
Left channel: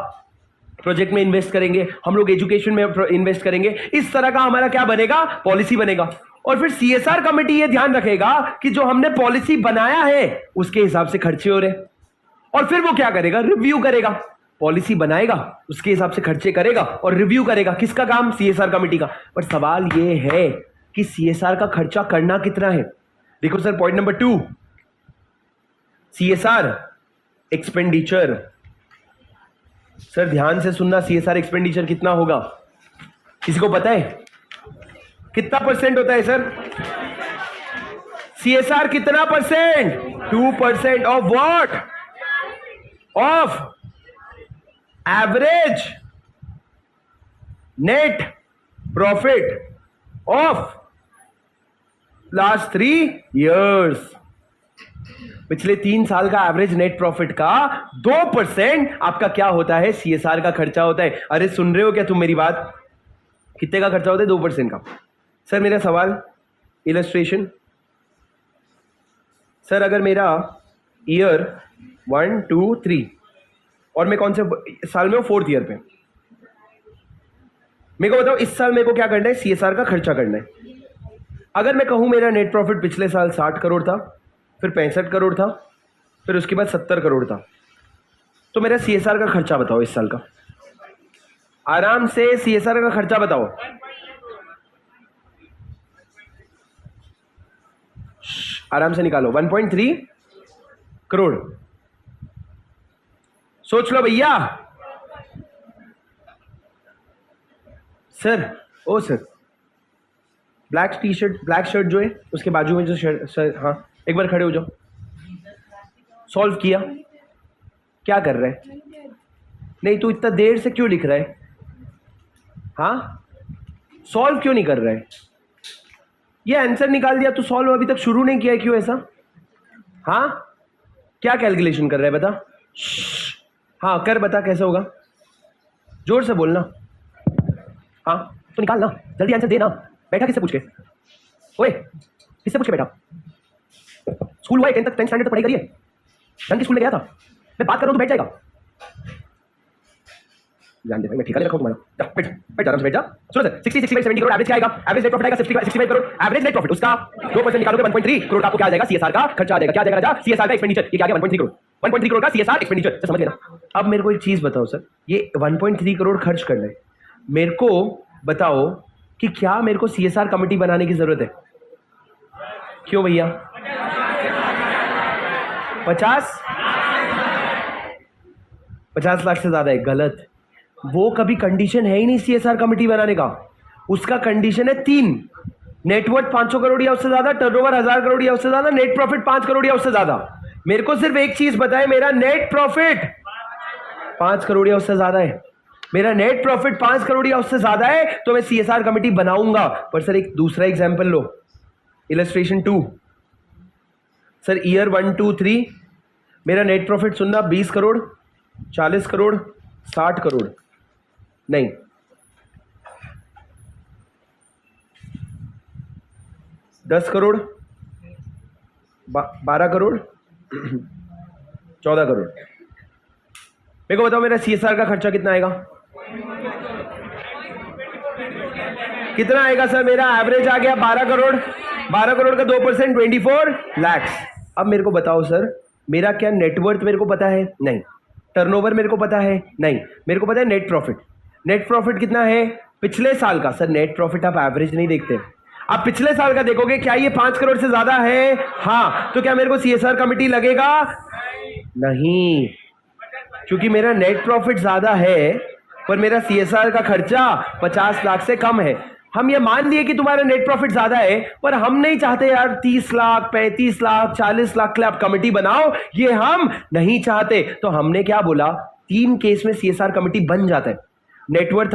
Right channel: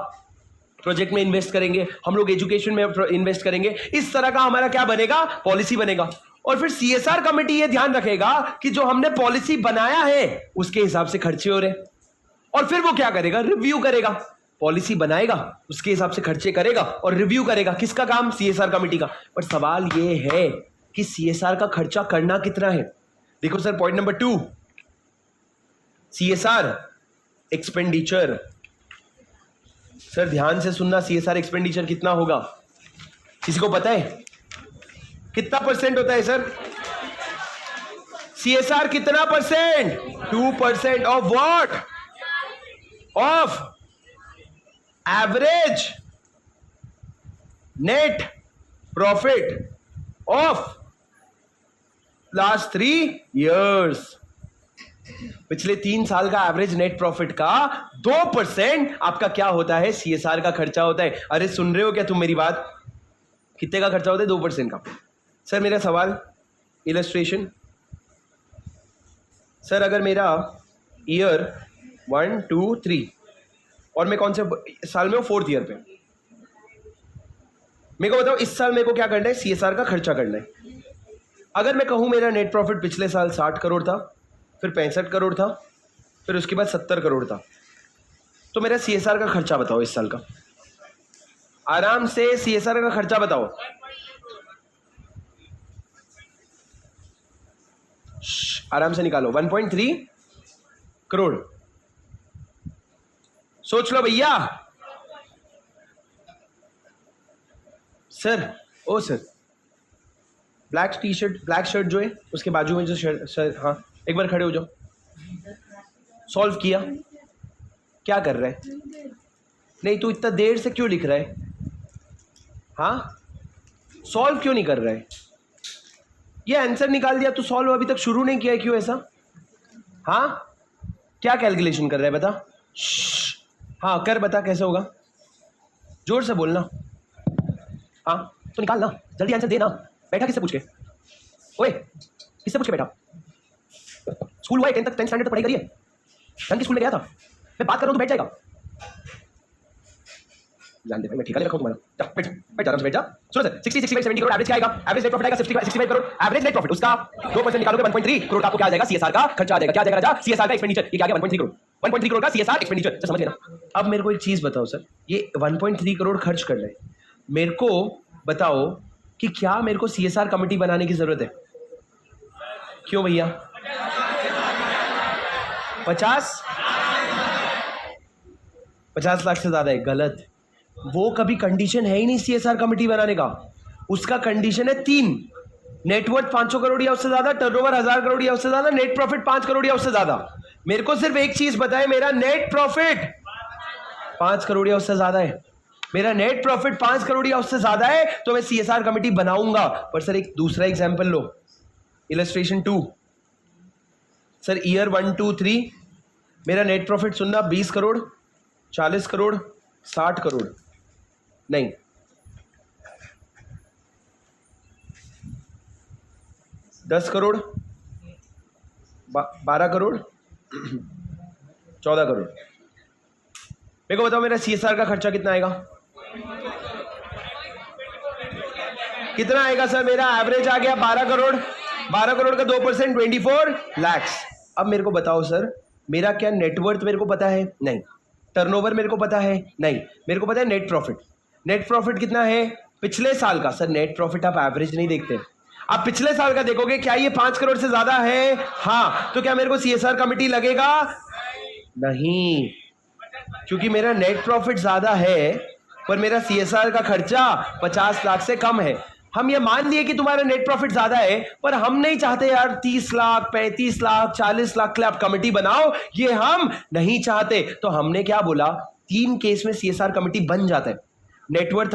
प्रोजेक्ट में इन्वेस्ट करेंगे, हम लोग एजुकेशन में इन्वेस्ट करेंगे, इस तरह का हमारा क्या बनेगा? पॉलिसी बनेगा। और फिर सीएसआर कमेटी ये ध्यान रखेगा कि जो हमने पॉलिसी बनाया है उसके हिसाब से खर्चे हो रहे, और फिर वो क्या करेगा? रिव्यू करेगा। पॉलिसी बनाएगा, उसके हिसाब से खर्चे करेगा और रिव्यू करेगा। किसका काम? सीएसआर कमेटी का। पर सवाल ये है कि सीएसआर का खर्चा करना कितना है? देखो sir, point number 2, CSR expenditure. Sir ध्यान से सुनना, CSR एक्सपेंडिचर कितना होगा? किसी को पता है कितना परसेंट होता है सर? CSR कितना percent? 2% of what? Of average net profit of last 3 years। पिछले 3 साल का एवरेज नेट प्रॉफिट का 2% आपका क्या होता है? CSR का खर्चा होता है। अरे सुन रहे हो क्या तुम मेरी बात? कितने का खर्चा होता है? 2% का। सर मेरा सवाल, इलस्ट्रेशन। सर अगर मेरा ईयर 1 2 3 और मैं कौन से साल में हूं? 4th ईयर पे। मेरे को बताओ इस साल मेरे को क्या करना है? CSR का खर्चा करना है। अगर मैं कहूं मेरा नेट प्रॉफिट पिछले साल 60 करोड़ था, फिर 65 करोड़ था, फिर उसके बाद 70 करोड़ था, तो मेरा CSR का खर्चा बताओ इस साल का। आराम से CSR का खर्चा बताओ। आराम से निकालो। 1.3 करोड़। सोच लो भैया। Sir, oh sir, black T shirt, black shirt जो है उसके बाजू में जो शर्ट, सर हाँ एक बार खड़े हो जाओ। सॉल्व किया? क्या कर रहा है? नहीं तो इतना देर से क्यों लिख रहा है? हाँ, सॉल्व क्यों नहीं कर रहा है? ये आंसर निकाल दिया तो सॉल्व अभी तक शुरू नहीं किया है, क्यों ऐसा? हाँ, क्या कैलकुलेशन कर रहा है बता? हाँ कर, बता कैसे होगा? जोर से बोलना। हाँ तो निकाल ना, जल्दी आंसर दे ना। बैठा किससे पूछ के? ओए किससे पूछ के बैठा? स्कूल हुआ है 10th स्टैंडर्ड तक पढ़ाई करी है? ढंग के स्कूल में गया था? मैं बात कर रहा हूँ तो बैठ जाएगा? जान दे भाई, मैं ठेका ले रखा हूँ तुम्हारा। जा बैठ, बैठ आराम से बैठ जा। सुनो सर, 60 65 70 करोड़ एवरेज क्या आएगा? एवरेज नेट प्रॉफिट आएगा 65 करोड़। एवरेज नेट प्रॉफिट उसका 2% निकालोगे 1.3 करोड़, आपको क्या आ जाएगा? CSR का खर्चा आ जाएगा। क्या आ जाएगा राजा? CSR का एक्सपेंडिचर। ये क्या आ गया? 1.3 करोड़। 1.3 करोड़ का CSR एक्सपेंडिचर, समझ लेना। अब मेरे को एक चीज बताओ सर, ये 1.3 करोड़ खर्च करना है, मेरे को बताओ कि क्या मेरे को CSR कमेटी बनाने की जरूरत है? क्यों भैया? 50 लाख से ज्यादा है? गलत। वो कभी कंडीशन है ही नहीं CSR कमेटी बनाने का। उसका कंडीशन है 3, नेटवर्थ 500 करोड़ या उससे ज्यादा, टर्नओवर 1000 करोड़ या उससे ज्यादा, नेट प्रॉफिट 5 करोड़ या उससे ज्यादा। मेरे को सिर्फ एक चीज बताए, मेरा नेट प्रॉफिट 5 करोड़ या उससे ज्यादा है। मेरा नेट प्रॉफिट 5 करोड़ या उससे ज्यादा है तो मैं CSR कमेटी बनाऊंगा। पर सर एक दूसरा एग्जाम्पल लो, इलस्ट्रेशन 2। सर ईयर 1 2 3 मेरा नेट प्रॉफिट सुनना, 20 करोड़, 40 करोड़, 60 करोड़, नहीं 10 करोड़, 12 करोड़, 14 करोड़। मेरे को बताओ मेरा CSR का खर्चा कितना आएगा? कितना आएगा सर? मेरा एवरेज आ गया 12 करोड़। 12 करोड़ का 2% 24 लाख। अब मेरे को बताओ सर, मेरा क्या नेटवर्थ मेरे को पता है? नहीं। टर्नओवर मेरे को पता है? नहीं। मेरे को पता है नेट प्रॉफिट। नेट प्रॉफिट कितना है पिछले साल का? सर नेट प्रॉफिट आप एवरेज नहीं देखते, आप पिछले साल का देखोगे। क्या ये 5 करोड़ से ज्यादा है? हाँ। तो क्या मेरे को CSR कमेटी लगेगा? नहीं, क्योंकि मेरा नेट प्रॉफिट ज्यादा है पर मेरा CSR का खर्चा 50 लाख से कम है। हम ये मान लिए कि तुम्हारा नेट प्रॉफिट ज्यादा है, पर हम नहीं चाहते यार 30 लाख 35 लाख 40 लाख के लिए आप कमेटी बनाओ, ये हम नहीं चाहते। तो हमने क्या बोला, 3 केस में CSR कमेटी बन जाता है। नेटवर्थ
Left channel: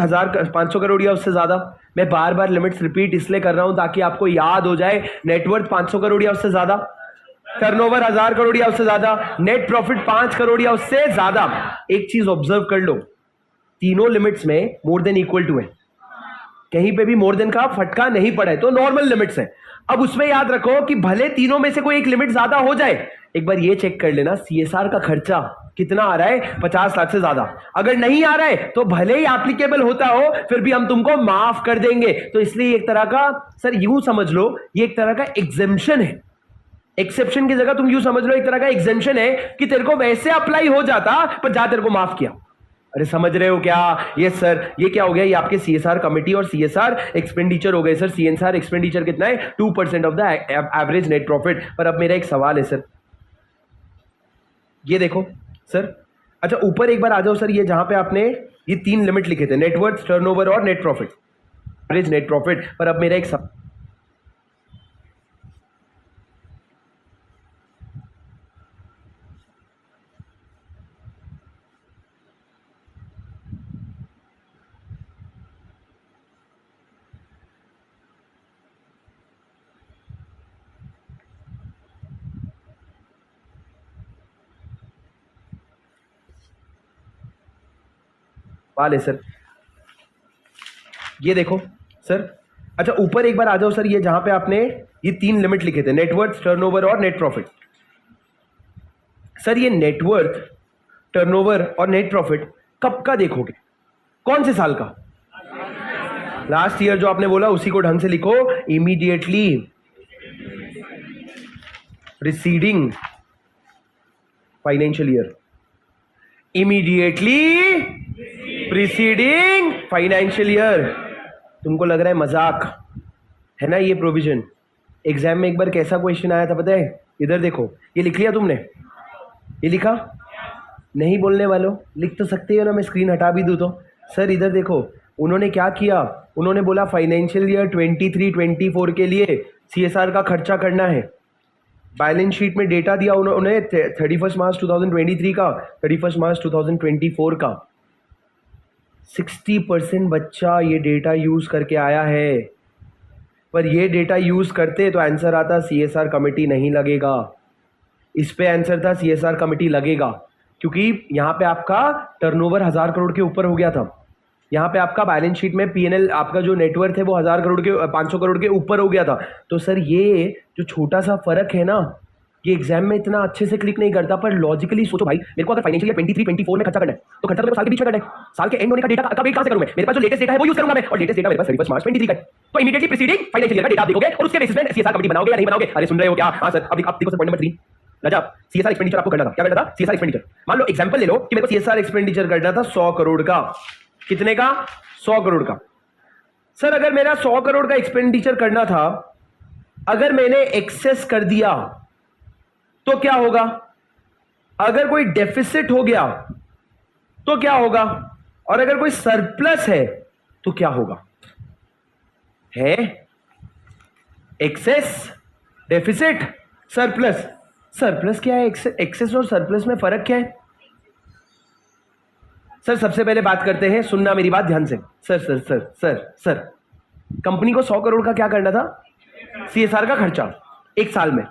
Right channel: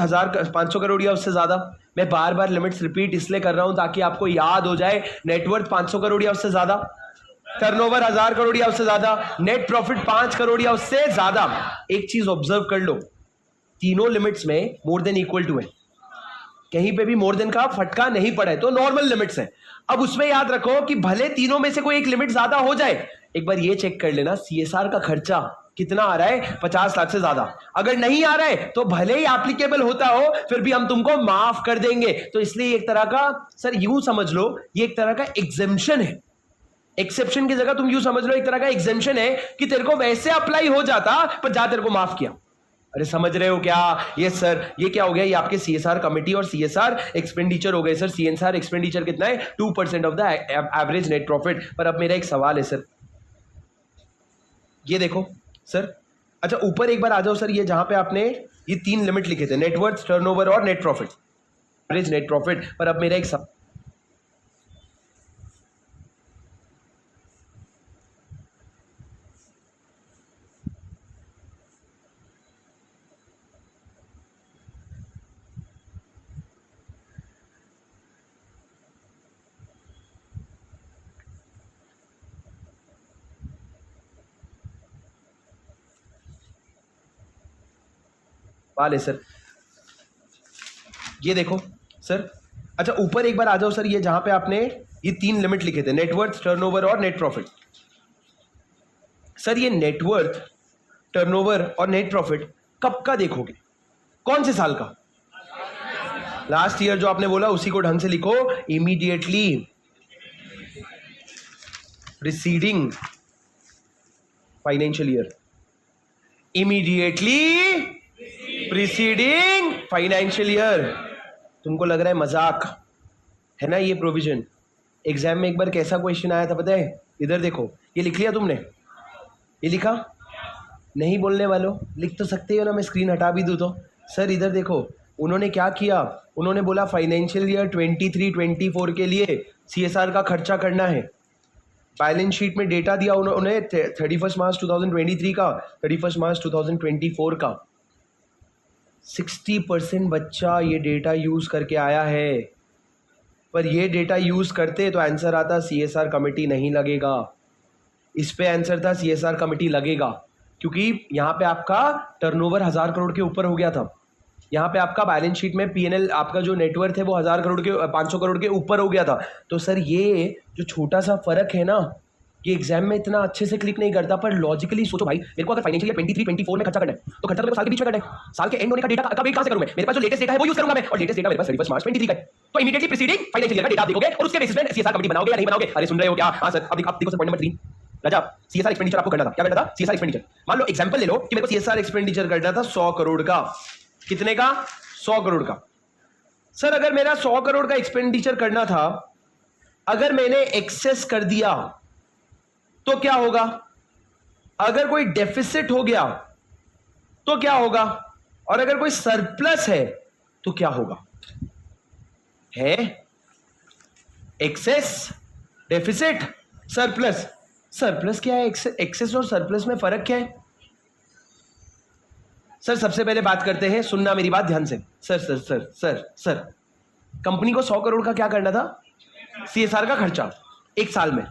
500 करोड़ या उससे ज्यादा। मैं बार बार लिमिट्स रिपीट इसलिए कर रहा हूं ताकि आपको याद हो जाए। नेटवर्थ 500 करोड़ या उससे ज्यादा, टर्नओवर 1000 करोड़ या उससे ज्यादा, नेट प्रॉफिट 5 करोड़ या उससे ज्यादा। एक चीज ऑब्जर्व कर लो, तीनों लिमिट्स में मोर देन इक्वल टू है, कहीं पे भी मोर देन का फटका नहीं पड़ा है, तो नॉर्मल लिमिट्स है। अब उसमें याद रखो कि भले तीनों में से कोई एक लिमिट ज्यादा हो जाए, एक बार ये चेक कर लेना CSR का खर्चा कितना आ रहा है, 50 लाख से ज्यादा। अगर नहीं आ रहा है तो भले ही एप्लीकेबल होता हो, फिर भी हम तुमको माफ कर देंगे। तो इसलिए एक तरह का, सर यूं समझ लो, ये एक तरह का एग्जेम्पशन है। एक्सेप्शन की जगह तुम यूं समझ लो एक तरह का एग्जेम्पशन है कि तेरे को वैसे अप्लाई हो जाता पर जा तेरे को माफ किया। अरे समझ रहे हो क्या? यस सर, ये क्या हो गया? ये आपके सीएसआर कमिटी और सीएसआर एक्सपेंडिचर हो गए सर। सीएसआर एक्सपेंडिचर कितना है? 2% of the average net profit. पर अब मेरा एक सवाल है सर, ये देखो सर, अच्छा ऊपर एक बार आ जाओ सर, ये जहां पे आपने ये 3 लिमिट लिखे थे, नेटवर्थ, टर्नओवर और net profit, average net profit. पर अब मेरा एक सवाल, है सर, ये देखो सर, अच्छा ऊपर एक बार आ जाओ सर, ये जहां पे आपने ये 3 लिमिट लिखे थे, नेटवर्थ, टर्नओवर और नेट प्रॉफिट। सर ये नेटवर्थ, टर्नओवर और नेट प्रॉफिट कब का देखोगे? कौन से साल का? लास्ट ईयर जो आपने बोला उसी को ढंग से लिखो। Immediately preceding financial year, immediately preceding financial year. तुमको लग रहा है मजाक है ना ये प्रोविजन? एग्जाम में एक बार कैसा क्वेश्चन आया था पता है? इधर देखो, ये लिख लिया तुमने? ये लिखा? नहीं बोलने वालों, लिख तो सकते हो ना, मैं स्क्रीन हटा भी दूँ तो। सर इधर देखो, उन्होंने क्या किया, उन्होंने बोला फाइनेंशियल ईयर 23-24 के लिए सीएसआर का खर्चा करना है। बैलेंस शीट में डेटा दिया उन्होंने 31 मार्च 2023 का, 31 मार्च 2024 का। 60% बच्चा ये डेटा यूज करके आया है, पर ये डेटा यूज करते तो आंसर आता सीएसआर कमेटी नहीं लगेगा। इस पे आंसर था सीएसआर कमेटी लगेगा, क्योंकि यहाँ पे आपका टर्नओवर 1000 करोड़ के ऊपर हो गया था। यहाँ पे आपका बैलेंस शीट में पीएनएल, आपका जो नेटवर्थ है वो 1000 करोड़ के 500 करोड़ के ऊपर हो गया था। तो सर ये जो छोटा सा फर्क है ना, ये एग्जाम में इतना अच्छे से क्लिक नहीं करता, पर लॉजिकली सोचो भाई, मेरे को अगर फाइनेंशियल ईयर 23-24 में खर्चा करना है तो खर्चा तो मेरे को साल के बीच में करना है। साल के एंड होने का डेटा का वेट कहां से करूं मैं? मेरे पास जो लेटेस्ट डेटा है वो यूज करूंगा मैं, और लेटेस्ट डेटा मेरे पास 31 मार्च 23 का है। तो इमीडिएटली प्रीसीडिंग फाइनेंशियल ईयर का डेटा आप देखोगे और उसके बेसिस में सीएसआर कमेटी बनाओगे या नहीं बनाओगे? अरे सुन रहे हो क्या? हां सर, अब देखो सर, पॉइंट नंबर 3 राजा, सीएसआर एक्सपेंडिचर आपको करना था। क्या करना था? CSR expenditure. मान लो एग्जांपल ले लो कि मेरे को सीएसआर एक्सपेंडिचर करना था 100 करोड़ का। कितने का? 100 करोड़ का। सर अगर मेरा 100 करोड़ का एक्सपेंडिचर करना था, अगर मैंने एक्सेस कर दिया तो क्या होगा? अगर कोई डेफिसिट हो गया तो क्या होगा? और अगर कोई सरप्लस है तो क्या होगा? है एक्सेस, डेफिसिट, सरप्लस। सरप्लस क्या है? एक्सेस और सरप्लस में फर्क क्या है? सर सबसे पहले बात करते हैं, सुनना मेरी बात ध्यान से। Sir sir sir sir sir company को 100 करोड़ का क्या करना था? सीएसआर का खर्चा एक साल में।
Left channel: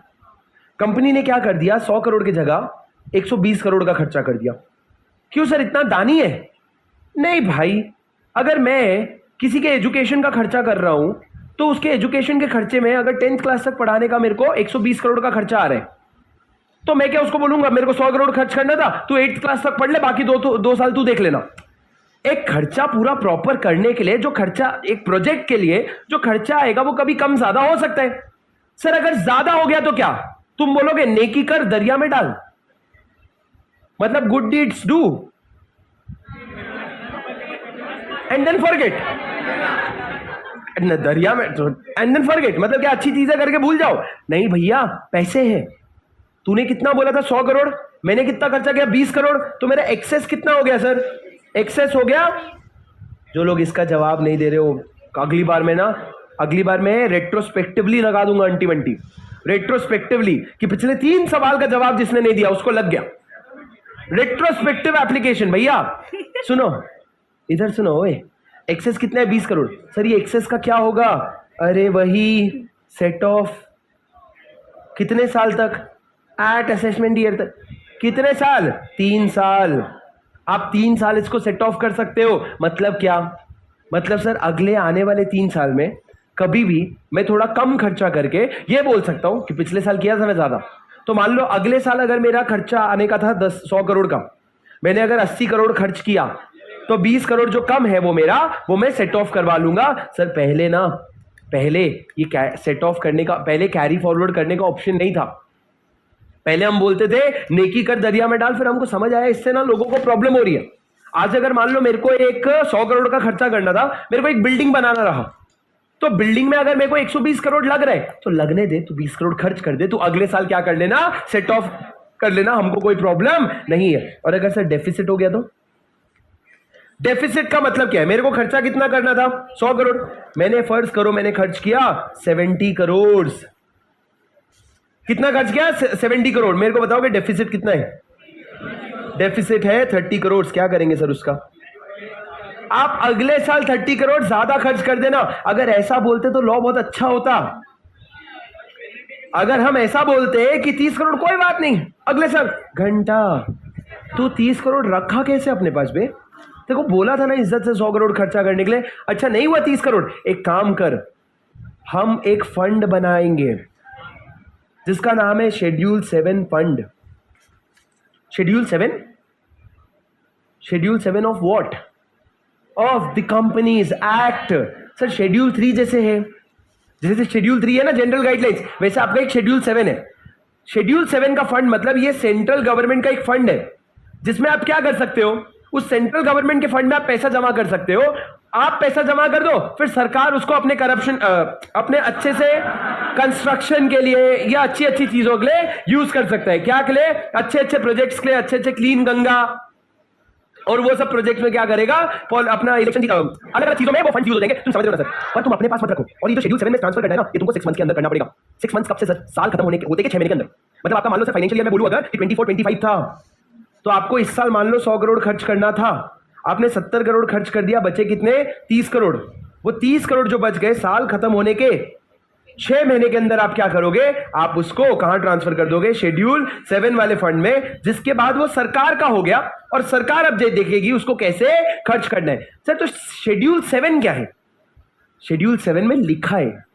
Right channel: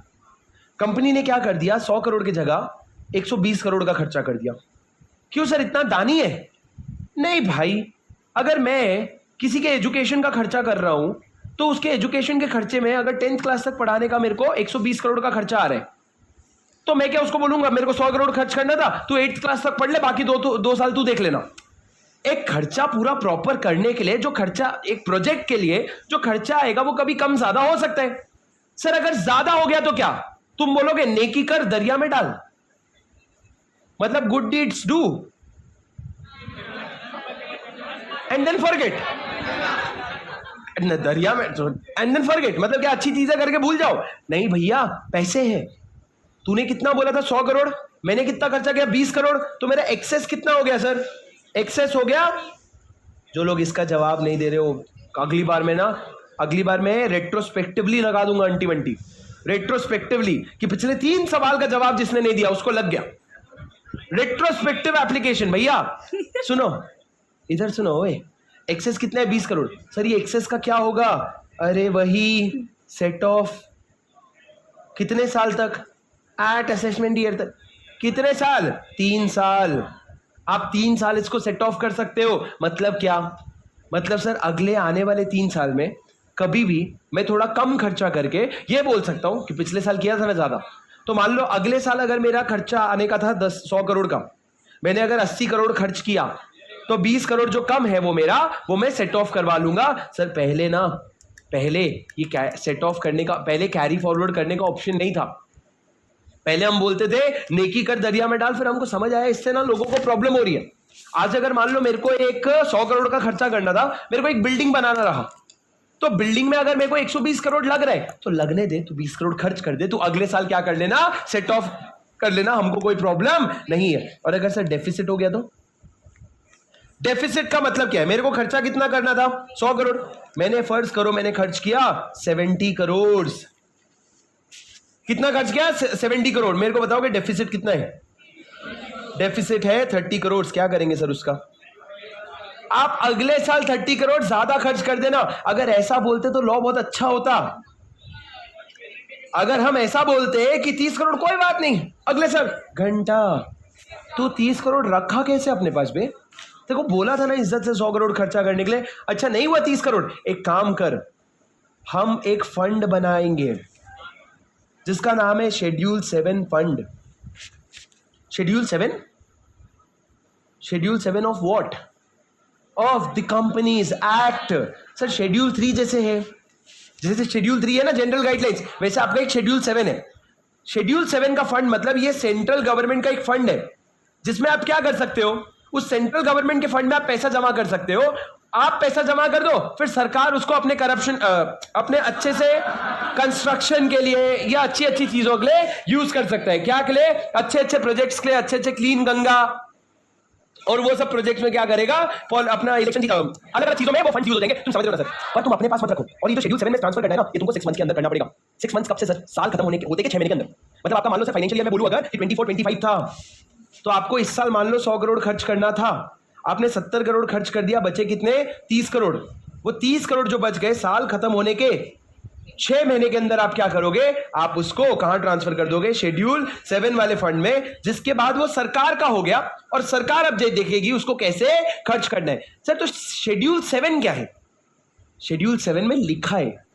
कंपनी ने क्या कर दिया? 100 करोड़ की जगह 120 करोड़ का खर्चा कर दिया। क्यों सर, इतना दानी है? नहीं भाई, अगर मैं किसी के एजुकेशन का खर्चा कर रहा हूं तो उसके एजुकेशन के खर्चे में अगर 10th क्लास तक पढ़ाने का मेरे को 120 करोड़ का खर्चा आ रहा है, तो मैं क्या उसको बोलूंगा मेरे को 100 करोड़ खर्च करना था, तू 8th क्लास तक पढ़ ले, बाकी दो साल तू देख लेना। एक खर्चा पूरा प्रॉपर करने के लिए जो खर्चा, एक प्रोजेक्ट के लिए जो खर्चा आएगा वो कभी कम ज्यादा हो सकता है। सर अगर ज्यादा हो गया तो क्या तुम बोलोगे? नेकी कर दरिया में डाल, मतलब good deeds do and then forget. दरिया में एंड देन फॉरगेट मतलब क्या? अच्छी चीजें करके भूल जाओ? नहीं भैया, पैसे हैं। तूने कितना बोला था? 100 करोड़। मैंने कितना खर्चा किया? 20 करोड़। तो मेरा एक्सेस कितना हो गया सर? एक्सेस हो गया। जो लोग इसका जवाब नहीं दे रहे हो, अगली बार मैं रेट्रोस्पेक्टिवली लगा दूंगा अंटी वंटी, रेट्रोस्पेक्टिवली, कि पिछले 3 सवाल का जवाब जिसने नहीं दिया उसको लग गया। रेट्रोस्पेक्टिव एप्लीकेशन भैया। सुनो इधर सुनो, ओए एक्सेस कितना है? 20 करोड़। सर ये एक्सेस का क्या होगा? अरे वही सेट ऑफ कितने साल तक? एट असेसमेंट ईयर तक। कितने साल? 3 साल। आप 3 साल इसको सेट ऑफ कर सकते हो। मतलब क्या? मतलब सर अगले आने वाले 3 साल में कभी भी मैं थोड़ा कम खर्चा करके ये बोल सकता हूं कि पिछले साल किया था ना ज्यादा, तो मान लो अगले साल अगर मेरा खर्चा आने का था 100 करोड़ का, मैंने अगर 80 करोड़ खर्च किया, तो 20 करोड़ जो कम है वो मैं सेट ऑफ करवा लूंगा। सर पहले ये सेट ऑफ करने का, पहले कैरी फॉरवर्ड करने का ऑप्शन नहीं था। पहले हम बोलते थे नेकी कर दरिया में डाल, फिर हमको समझ आया इससे ना लोगों को प्रॉब्लम हो रही है। आज अगर मान लो मेरे को एक 100 करोड़ का खर्चा करना था, मेरे को एक बिल्डिंग बनाना रहा, तो बिल्डिंग में अगर मेरे को 120 करोड़ लग रहा है तो लगने दे, तू 20 करोड़ खर्च कर दे, तू अगले साल क्या कर लेना, सेट ऑफ कर लेना, हमको कोई प्रॉब्लम नहीं है। और अगर सर डेफिसिट हो गया तो डेफिसिट का मतलब क्या है, मेरे को खर्चा कितना करना था 100 करोड़, मैंने फर्ज करो मैंने खर्च किया 70 करोड़, कितना खर्च किया 70 करोड़, मेरे को बताओगे डेफिसिट कितना है, डेफिसिट है 30 करोड़, क्या करेंगे सर उसका, आप अगले साल 30 करोड़ ज्यादा खर्च कर देना। अगर ऐसा बोलते तो लॉ बहुत अच्छा होता, अगर हम ऐसा बोलते कि 30 करोड़ कोई बात नहीं अगले साल, घंटा तू 30 करोड़ रखा कैसे अपने पास बे, देखो बोला था ना इज्जत से 100 करोड़ खर्चा करने के लिए, अच्छा नहीं हुआ 30 करोड़, एक काम कर, हम एक फंड बनाएंगे जिसका नाम है schedule 7 fund. Schedule 7, schedule 7 of what, of the companies act. Sir schedule 3 जैसे है, जैसे शेड्यूल 3 है ना जनरल गाइडलाइंस, वैसे आपका एक शेड्यूल 7 है। शेड्यूल 7 का फंड मतलब ये सेंट्रल गवर्नमेंट का एक फंड है जिसमें आप क्या कर सकते हो, उस सेंट्रल गवर्नमेंट के फंड में आप पैसा जमा कर सकते हो, आप पैसा जमा कर दो, फिर सरकार उसको अपने करप्शन अपने अच्छे से कंस्ट्रक्शन के लिए या अच्छी अच्छी चीजों के लिए यूज कर सकता है, क्या के लिए, अच्छे अच्छे प्रोजेक्ट्स के लिए, अच्छे अच्छे क्लीन गंगा और वो सब प्रोजेक्ट में क्या करेगा, अपना इलेक्शन अलग अलग चीजों में वो फंड यूज हो जाएंगे, तुम समझ रहे हो ना सर, पर तुम अपने पास मत रखो। और ये जो शेड्यूल 7 में ट्रांसफर करना है ना, ये तुमको 6 मंथ के अंदर करना पड़ेगा। 6 मंथ कब से सर, साल खत्म होने के होते के 6 महीने के अंदर, मतलब आपका मान लो सर फाइनेंशियल ईयर में बोलूं अगर कि 24-25 था, तो आपको इस साल मान लो 100 करोड़ खर्च करना था, आपने 70 करोड़ खर्च कर दिया, बचे कितने 30 करोड़, वो 30 करोड़ जो बच गए साल खत्म होने के 6 महीने के अंदर आप क्या करोगे, आप उसको कहां ट्रांसफर कर दोगे, शेड्यूल 7 वाले फंड में, जिसके बाद वो सरकार का हो गया और सरकार अब देखेगी उसको कैसे खर्च करना है। सर तो शेड्यूल 7 क्या है, शेड्यूल 7 में लिखा है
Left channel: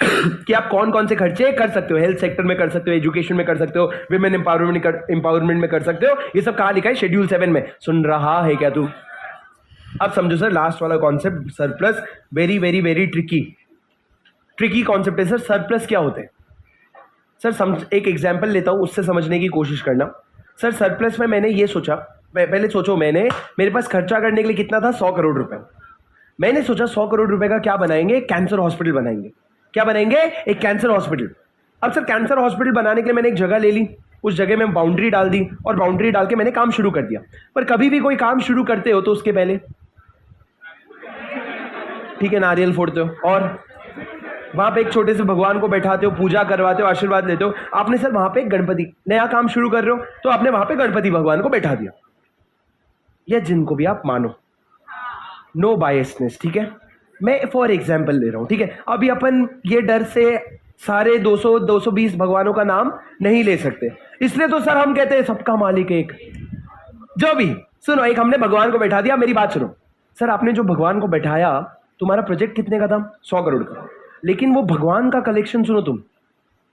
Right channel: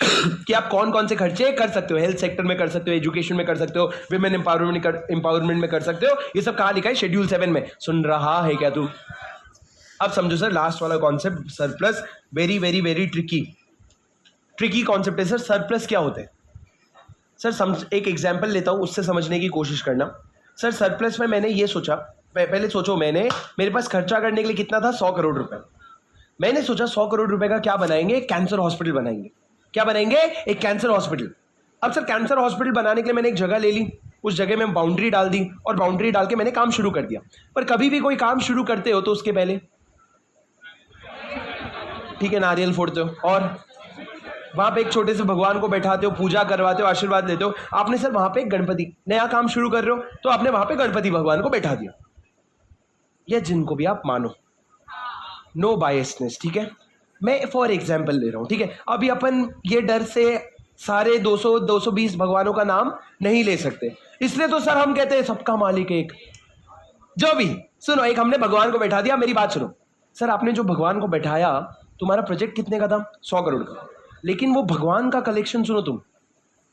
कि आप कौन कौन से खर्चे कर सकते हो, हेल्थ सेक्टर में कर सकते हो, एजुकेशन में कर सकते हो, विमेन एम्पावरमेंट में कर सकते हो, ये सब कहां लिखा है, शेड्यूल 7 में। सुन रहा है क्या तू, अब समझो सर लास्ट वाला concept surplus, very very very tricky concept है सर। सरप्लस क्या होते हैं सर, समझ एक एग्जांपल लेता हूं उससे समझने की कोशिश करना। सर सरप्लस में मैंने ये सोचा, पहले सोचो मैंने, मेरे पास खर्चा करने के लिए कितना था 100 करोड़ रुपए, मैंने सोचा 100 करोड़ रुपए का क्या बनाएंगे, कैंसर हॉस्पिटल बनाएंगे। क्या बनाएंगे, एक कैंसर हॉस्पिटल। अब सर कैंसर हॉस्पिटल बनाने के लिए मैंने एक जगह ले ली, उस जगह में बाउंड्री डाल दी और बाउंड्री डाल के मैंने काम शुरू कर दिया। पर कभी भी कोई काम शुरू करते हो तो उसके पहले ठीक है नारियल फोड़ते हो और वहां पे एक छोटे से भगवान को बैठाते हो, पूजा करवाते हो, आशीर्वाद लेते हो। आपने सर वहां पे एक गणपति, नया काम शुरू कर रहे हो तो आपने वहां पे गणपति भगवान को बैठा दिया, या जिनको भी आप मानो, नो बायसनेस, ठीक है, मैं फॉर एग्जाम्पल ले रहा हूं, ठीक है। अभी अपन ये डर से सारे 200-220 भगवानों का नाम नहीं ले सकते, इसलिए तो सर हम कहते हैं सबका मालिक एक, जो भी सुनो, एक हमने भगवान को बैठा दिया, मेरी बात सुनो सर, आपने जो भगवान को बैठाया, तुम्हारा प्रोजेक्ट कितने का था 100 करोड़ का, लेकिन वो भगवान का कलेक्शन सुनो तुम,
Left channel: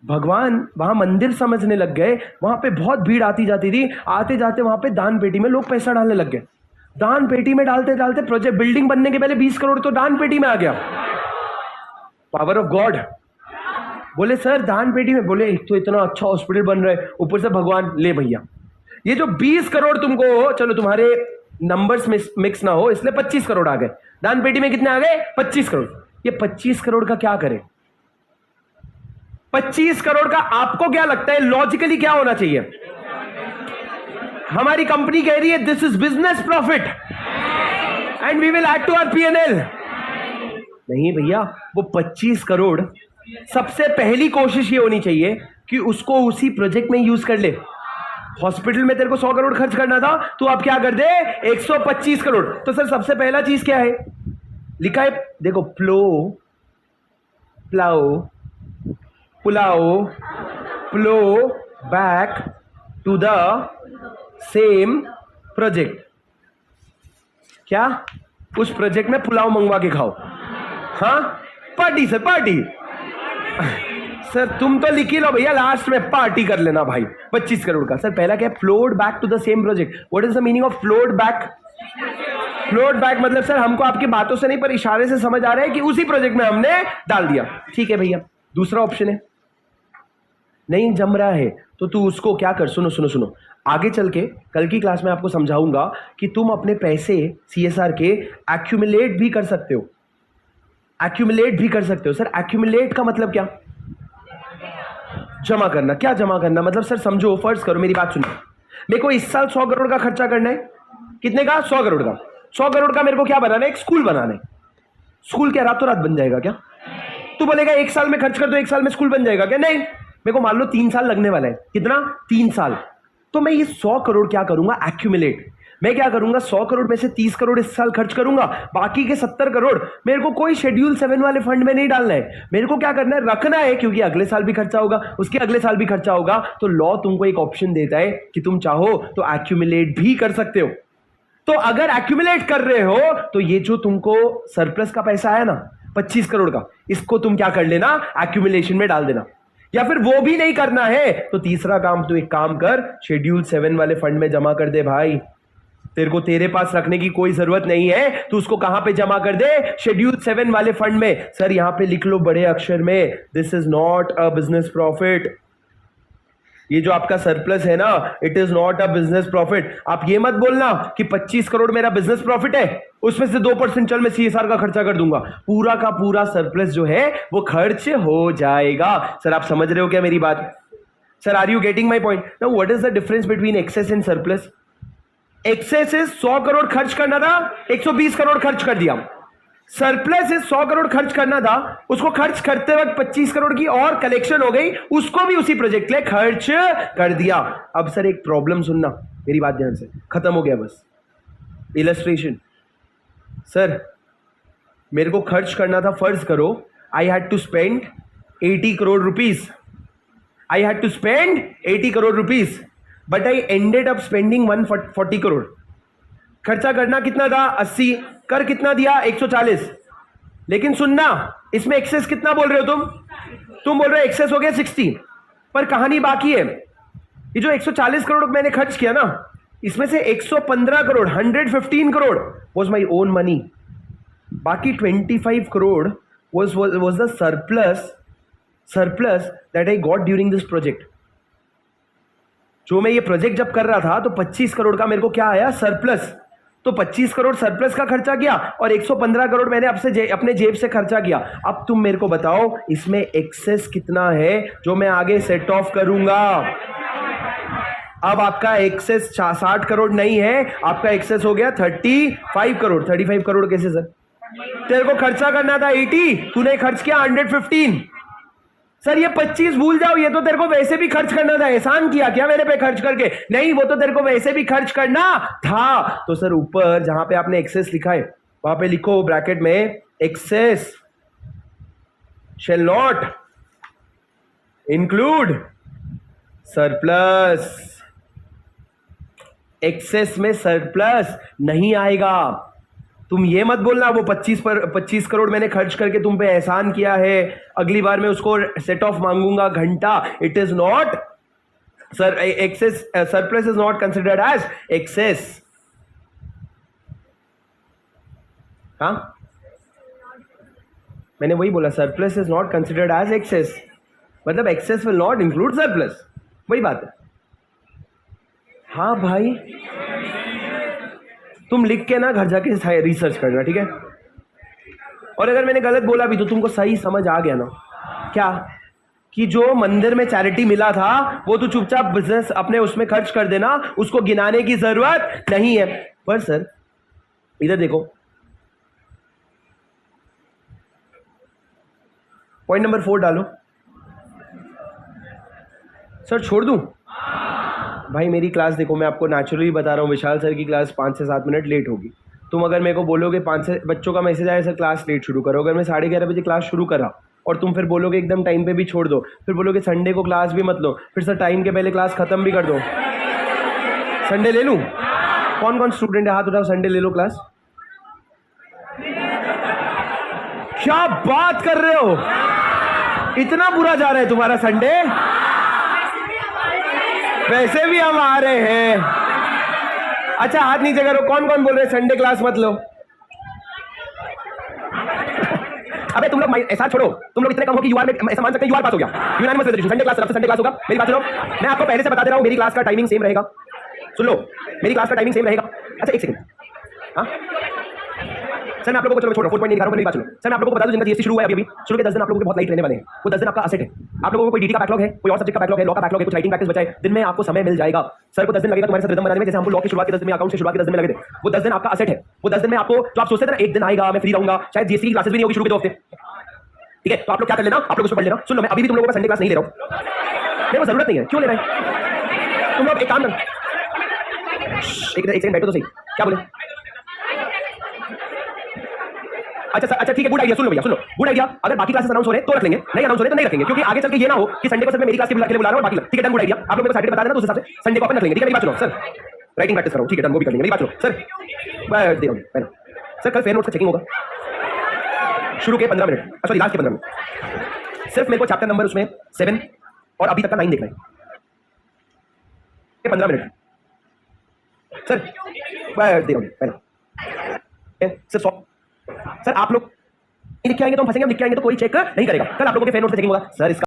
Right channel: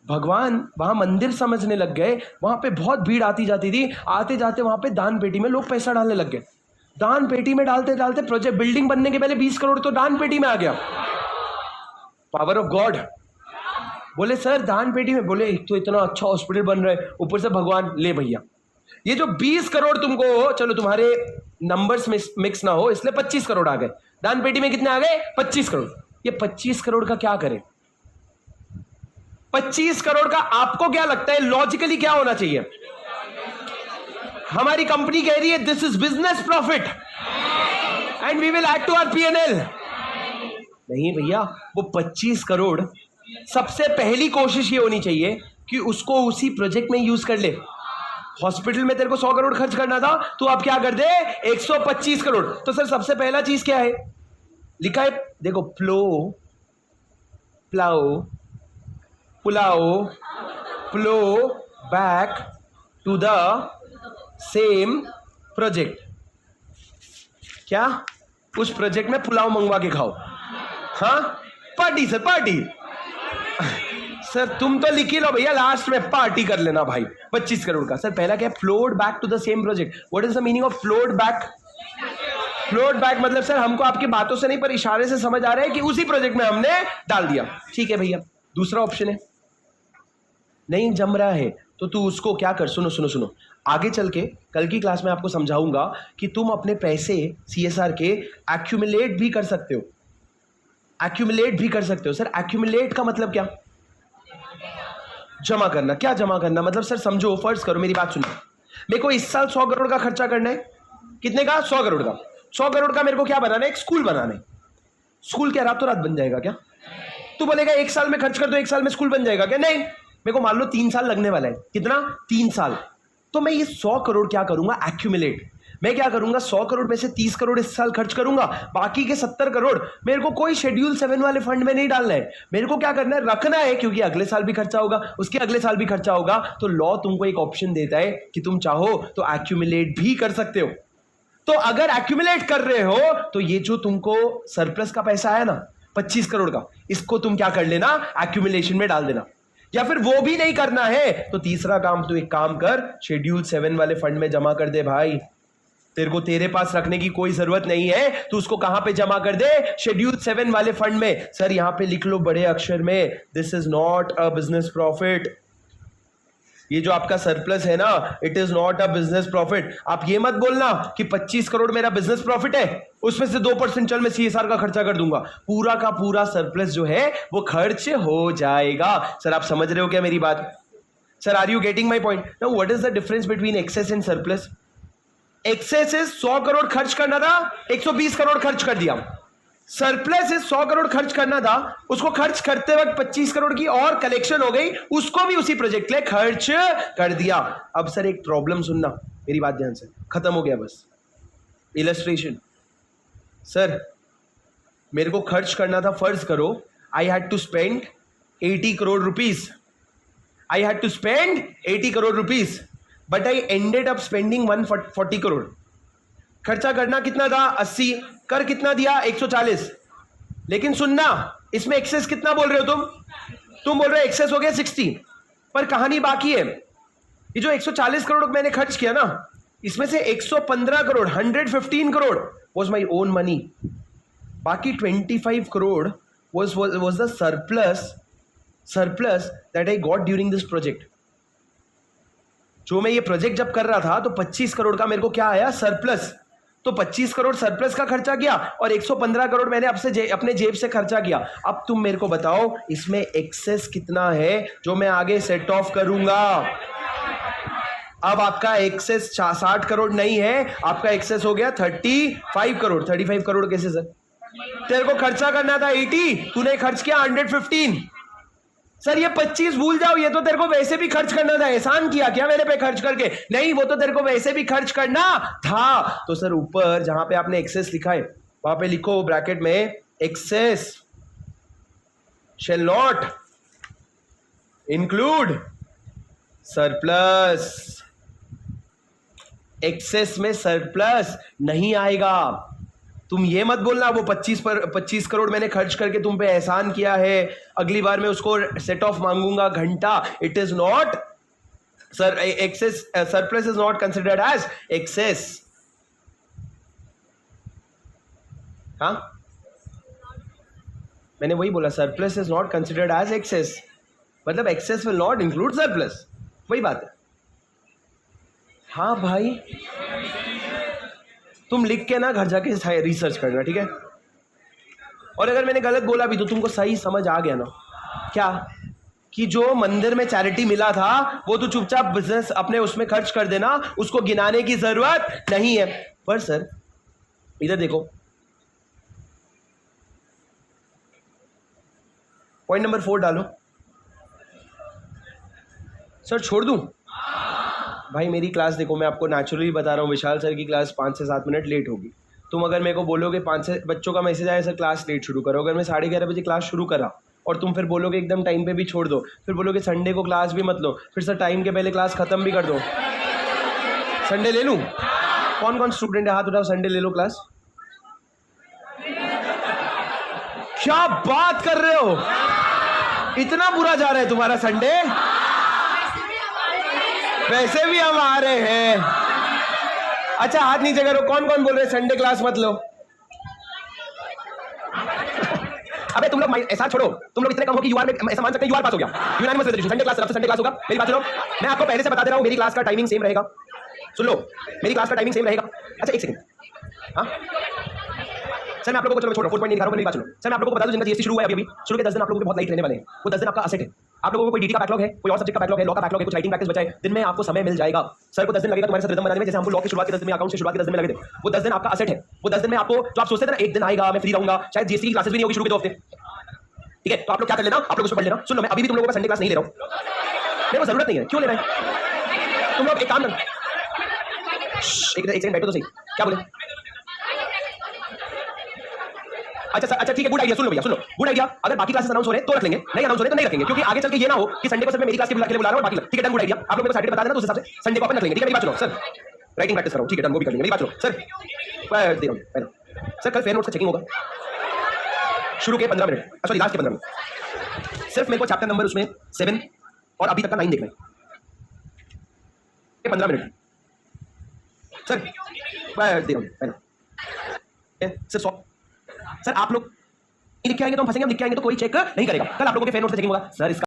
भगवान वहां मंदिर समझने लग गए, वहां पे बहुत भीड़ आती जाती थी, आते जाते वहां पे दान पेटी में लोग पैसा डालने लग गए, दान पेटी में डालते डालते प्रोजेक्ट बिल्डिंग बनने के पहले 20 करोड़ तो दान पेटी में आ गया। Power of God. बोले सर दान पेटी में, बोले एक तो इतना अच्छा हॉस्पिटल बन रहा है, ऊपर से भगवान, ले भैया ये जो 20 करोड़ तुमको, चलो तुम्हारे नंबर्स मिक्स ना हो इसलिए 25 करोड़ आ गए, दान पेटी में कितने आ गए 25 करोड़। ये 25 करोड़ का क्या करे, 25 करोड़ का आपको क्या लगता है लॉजिकली क्या होना चाहिए, हमारी कंपनी कह रही है this is business profit and we will add to our PNL. नहीं भैया, वो 25 करोड़ सबसे पहली कोशिश ये होनी चाहिए कि उसको उसी प्रोजेक्ट में यूज कर ले। हॉस्पिटल में तेरे को 100 करोड़ खर्च करना था, तो आप क्या कर दे 125 करोड़। तो सर सबसे पहला चीज क्या है, लिखा है देखो, plough back to the same project. क्या, उस प्रोजेक्ट में पुलाव मंगवा के खाओ। हाँ पार्टी सर, पार्टी सर तुम तो लिख ही लो भैया, लास्ट में पार्टी कर लेना भाई 25 करोड़ का। सर पहला क्या है, flowed back to the same project. What is the meaning of flowed back? Flowed back मतलब सर हमको आपकी बातों से नहीं पर इशारे से समझ आ रहा है कि उसी प्रोजेक्ट में हमने डाल दिया। ठीक है भैया, दूसरा ऑप्शन है नहीं जम रहा है तो तू उसको क्या कर, सुनो सुनो सुनो, आगे चल के कल की क्लास में आपको समझाऊंगा कि तुम अपने पैसे CSR के एक्यूमुलेट भी कर सकते हो। एक्यूमुलेट भी कर सकते हो। सर एक्यूमुलेट का मतलब क्या? जमा करना। क्या जमा करना मतलब? सर समझो, फर्ज करो, मेरी बात सुनो, मेरे को इस साल 100 करोड़ का खर्चा करना है। कितने का? 100 करोड़ का। 100 करोड़ का मेरे को क्या बनाना है? एक स्कूल बनाना है। स्कूल क्या रातों रात बन जाएगा क्या? तू बोलेगा 1 साल में खर्च कर दो, 1 साल में स्कूल बन जाएगा क्या? नहीं, मेरे को मान लो 3 साल लगने वाला है। कितना? 3 साल। तो मैं ये 100 करोड़ क्या करूंगा? एक्यूमुलेट। मैं क्या करूंगा? 100 करोड़ में से 30 करोड़ इस साल खर्च करूंगा, बाकी के 70 करोड़ मेरे को कोई शेड्यूल 7 वाले फंड में नहीं डालना है। मेरे को क्या करना है? रखना है, क्योंकि अगले साल भी खर्चा होगा, उसके अगले साल भी खर्चा होगा। तो लॉ तुमको एक ऑप्शन देता है कि तुम चाहो तो एक्यूमुलेट भी कर सकते हो। तो अगर एक्यूमुलेट कर रहे हो तो ये जो तुमको सरप्लस का पैसा आया ना 25 करोड़ का, इसको तुम क्या कर लेना? एक्यूमुलेशन में डाल देना। या फिर वो भी नहीं करना है तो तीसरा काम, तू एक काम कर, शेड्यूल 7 वाले फंड में जमा कर दे भाई। तेरे को तेरे पास रखने की कोई जरूरत नहीं है, तू उसको कहां पे जमा कर दे? शेड्यूल 7 वाले फंड में। सर यहां पे लिख लो बड़े अक्षर में, this is not a business profit. ये जो आपका सरप्लस है ना, it is not a business profit. आप ये मत बोलना कि 25 करोड़ मेरा बिजनेस प्रॉफिट है, उसमें से 2% चल मैं CSR का खर्चा कर दूंगा। पूरा का पूरा सरप्लस जो है वो खर्च हो जाएगा। सर आप समझ रहे हो क्या मेरी बात? Sir are you getting my point? Now what is the difference between excess and surplus? Excess is 100 crore खर्च करना था, 120 करोड़ खर्च कर दिया। सरप्लस इज 100 करोड़ खर्च करना था, उसको खर्च करते वक्त 25 करोड़ की और कलेक्शन हो गई, उसको भी उसी प्रोजेक्ट के लिए खर्च कर दिया। अब सर एक प्रॉब्लम सुनना, मेरी बात ध्यान से, खत्म हो गया बस इलस्ट्रेशन। सर मेरे को खर्च करना था, फर्ज करो I had to spend 80 crore rupees. I had to spend 80 crore rupees but I ended up spending 140 crore. खर्चा करना कितना था? 80। कर कितना दिया? 140। लेकिन सुनना, इसमें एक्सेस कितना बोल रहे हो तुम बोल रहे हो एक्सेस हो गया 60, पर कहानी बाकी है। ये जो 140 करोड़ मैंने खर्च किया ना, इसमें से 115 crore 115 crore was my own money. बाकी 25 crore was the surplus that I got during this project। जो मैं ये प्रोजेक्ट जब कर रहा था तो 25 करोड़ का मेरे को क्या आया? सरप्लस। तो 25 करोड़ सरप्लस का खर्चा किया और 115 करोड़ मैंने अपने जेब से खर्चा किया। अब तुम मेरे को बताओ इसमें एक्सेस कितना है जो मैं आगे सेट ऑफ करूंगा? अब आपका एक्सेस 60 करोड़ नहीं है, आपका एक्सेस हो गया 35 करोड़। 35 करोड़ कैसे सर? तेरे को खर्चा करना था 80, तूने खर्च किया 115। सर ये 25 भूल जाओ, ये तो तेरे को वैसे भी खर्च करना था। एहसान किया क्या मेरे पे खर्च करके? नहीं, वो तो तेरे को वैसे भी खर्च करना था। तो सर ऊपर जहां पे आपने एक्सेस लिखा है वहां पे लिखो ब्रैकेट में, excess shall not include surplus. Excess में सरप्लस नहीं आएगा। तुम ये मत बोलना वो 25 करोड़ मैंने खर्च करके तुम पे एहसान किया है, अगली बार मैं उसको सेट ऑफ मांगूंगा घंटा। It is not sir, excess surplus is not considered as excess. हाँ मैंने वही बोला, surplus is not considered as excess, मतलब excess will not include surplus, वही बात है। हाँ भाई तुम लिख के ना घर जाके रिसर्च करना, ठीक है? और अगर मैंने गलत बोला भी तो तुमको सही समझ आ गया ना क्या, कि जो मंदिर में चैरिटी मिला था वो तो चुपचाप बिजनेस अपने उसमें खर्च कर देना, उसको गिनाने की जरूरत नहीं है। पर सर इधर देखो, पॉइंट नंबर 4 डालो। सर छोड़ दूं? भाई मेरी क्लास देखो, मैं आपको नेचुरली बता रहा हूँ, विशाल सर की क्लास 5 से 7 मिनट लेट होगी। तुम अगर मेरे को बोलोगे 5 से बच्चों का मैसेज आया सर क्लास लेट शुरू करो, अगर मैं 11:30 बजे क्लास शुरू करा और तुम फिर बोलोगे एकदम टाइम पे भी छोड़ दो, फिर बोलोगे संडे को क्लास भी मत लो, फिर सर टाइम के पहले क्लास खत्म भी कर दो, संडे ले लूँ? कौन कौन स्टूडेंट है हाथ उठाओ, संडे ले लो क्लास। क्या बात कर रहे हो, इतना बुरा जा रहा है तुम्हारा संडे? वैसे भी हम आ रहे हैं। अच्छा हाथ नीचे करो, कौन कौन बोल रहे संडे क्लास मत लो? अबे तुम लोग ऐसा छोड़ो, तुम लोग इतने कम हो कि यूआर में ऐसा मान सकते हैं यूआर पास हो गया। Unanimous resolution, Sunday class, Sunday class होगा। मेरी बात सुनो, मैं आपको पहले से बता दे रहा हूं मेरी क्लास का टाइमिंग सेम रहेगा। सुन लो, मेरी क्लास का टाइमिंग सेम रहेगा। अच्छा एक सेकंड, हाँ सर मैं आप लोगों को, चलो छोड़ो 4 पॉइंट नहीं दिखा रहा हूं, मेरी बात सुनो। सर मैं आप लोगों को बता दूं, जिनका जीएसटी शुरू हुआ है अभी शुरू के 10 दिन आप लोगों के बहुत लाइट रहने वाले हैं। वो 10 दिन आपका असेट है। आप लोगों को कोई डीटी का बैकलॉग है, कोई और सब्जेक्ट का बैकलॉग है, लॉ का बैकलॉग है, कुछ राइटिंग प्रैक्टिस बचा है, दिन में आपको समय मिल जाएगा। सर को 10 दिन लगेगा तुम्हारे साथ रिदम बनाने में, जैसे हमको लॉ की शुरुआत के 10 दिन में, अकाउंट की शुरुआत के 10 दिन में लगे थे। वो 10 दिन आपका असेट है। वो 10 दिन में आपको जो आप सोचते थे ना एक दिन आएगा मैं फ्री रहूंगा, शायद जीएसटी की क्लासेस भी नहीं होगी शुरू के 2 हफ्ते, ठीक है? तो आप लोग क्या कर लेना, आप लोग उसको पढ़ लेना। सुन लो, मैं अभी भी तुम लोगों का संडे क्लास नहीं ले रहा हूं, मेरे को जरूरत नहीं है। क्यों ले रहे हैं तुम लोग? एक काम कर, एक सेकंड बैठो तो सही। क्या बोले? अच्छा सर, अच्छा ठीक है, गुड आइडिया। सुन लो भैया, सुन लो, गुड आइडिया। अगर बाकी क्लासेस अनाउंस हो रहे हैं तो रख लेंगे, नहीं अनाउंस हो रहे तो नहीं रखेंगे, क्योंकि आगे चल के ये ना हो कि संडे को सिर्फ मैं मेरी क्लास के लिए बुला रहा हूं, बाकी ठीक है, डन, गुड आइडिया। आप लोग मेरे को सैटरडे बता देना, तो उस हिसाब से संडे को अपन रख लेंगे, ठीक है? मेरी बात सुनो सर, राइटिंग प्रैक्टिस करो, ठीक है, डन, वो भी कर लेंगे। मेरी बात सुनो सर, मैं दे रहा हूं सर, कल फेयर नोट्स का चेकिंग होगा शुरू के 15 मिनट, सॉरी लास्ट के 15 मिनट। सिर्फ मेरे को चैप्टर नंबर उसमें 7 और अभी तक का 9 देखना है, 15 मिनट सर, मैं दे रहा हूं सर। सर आप लोग लिख के आएंगे तो हम फंसेंगे, हम लिख के आएंगे तो कोई चेक नहीं करेगा। कल आप लोगों के फेयर नोट से चेकिंग होगा सर। इसका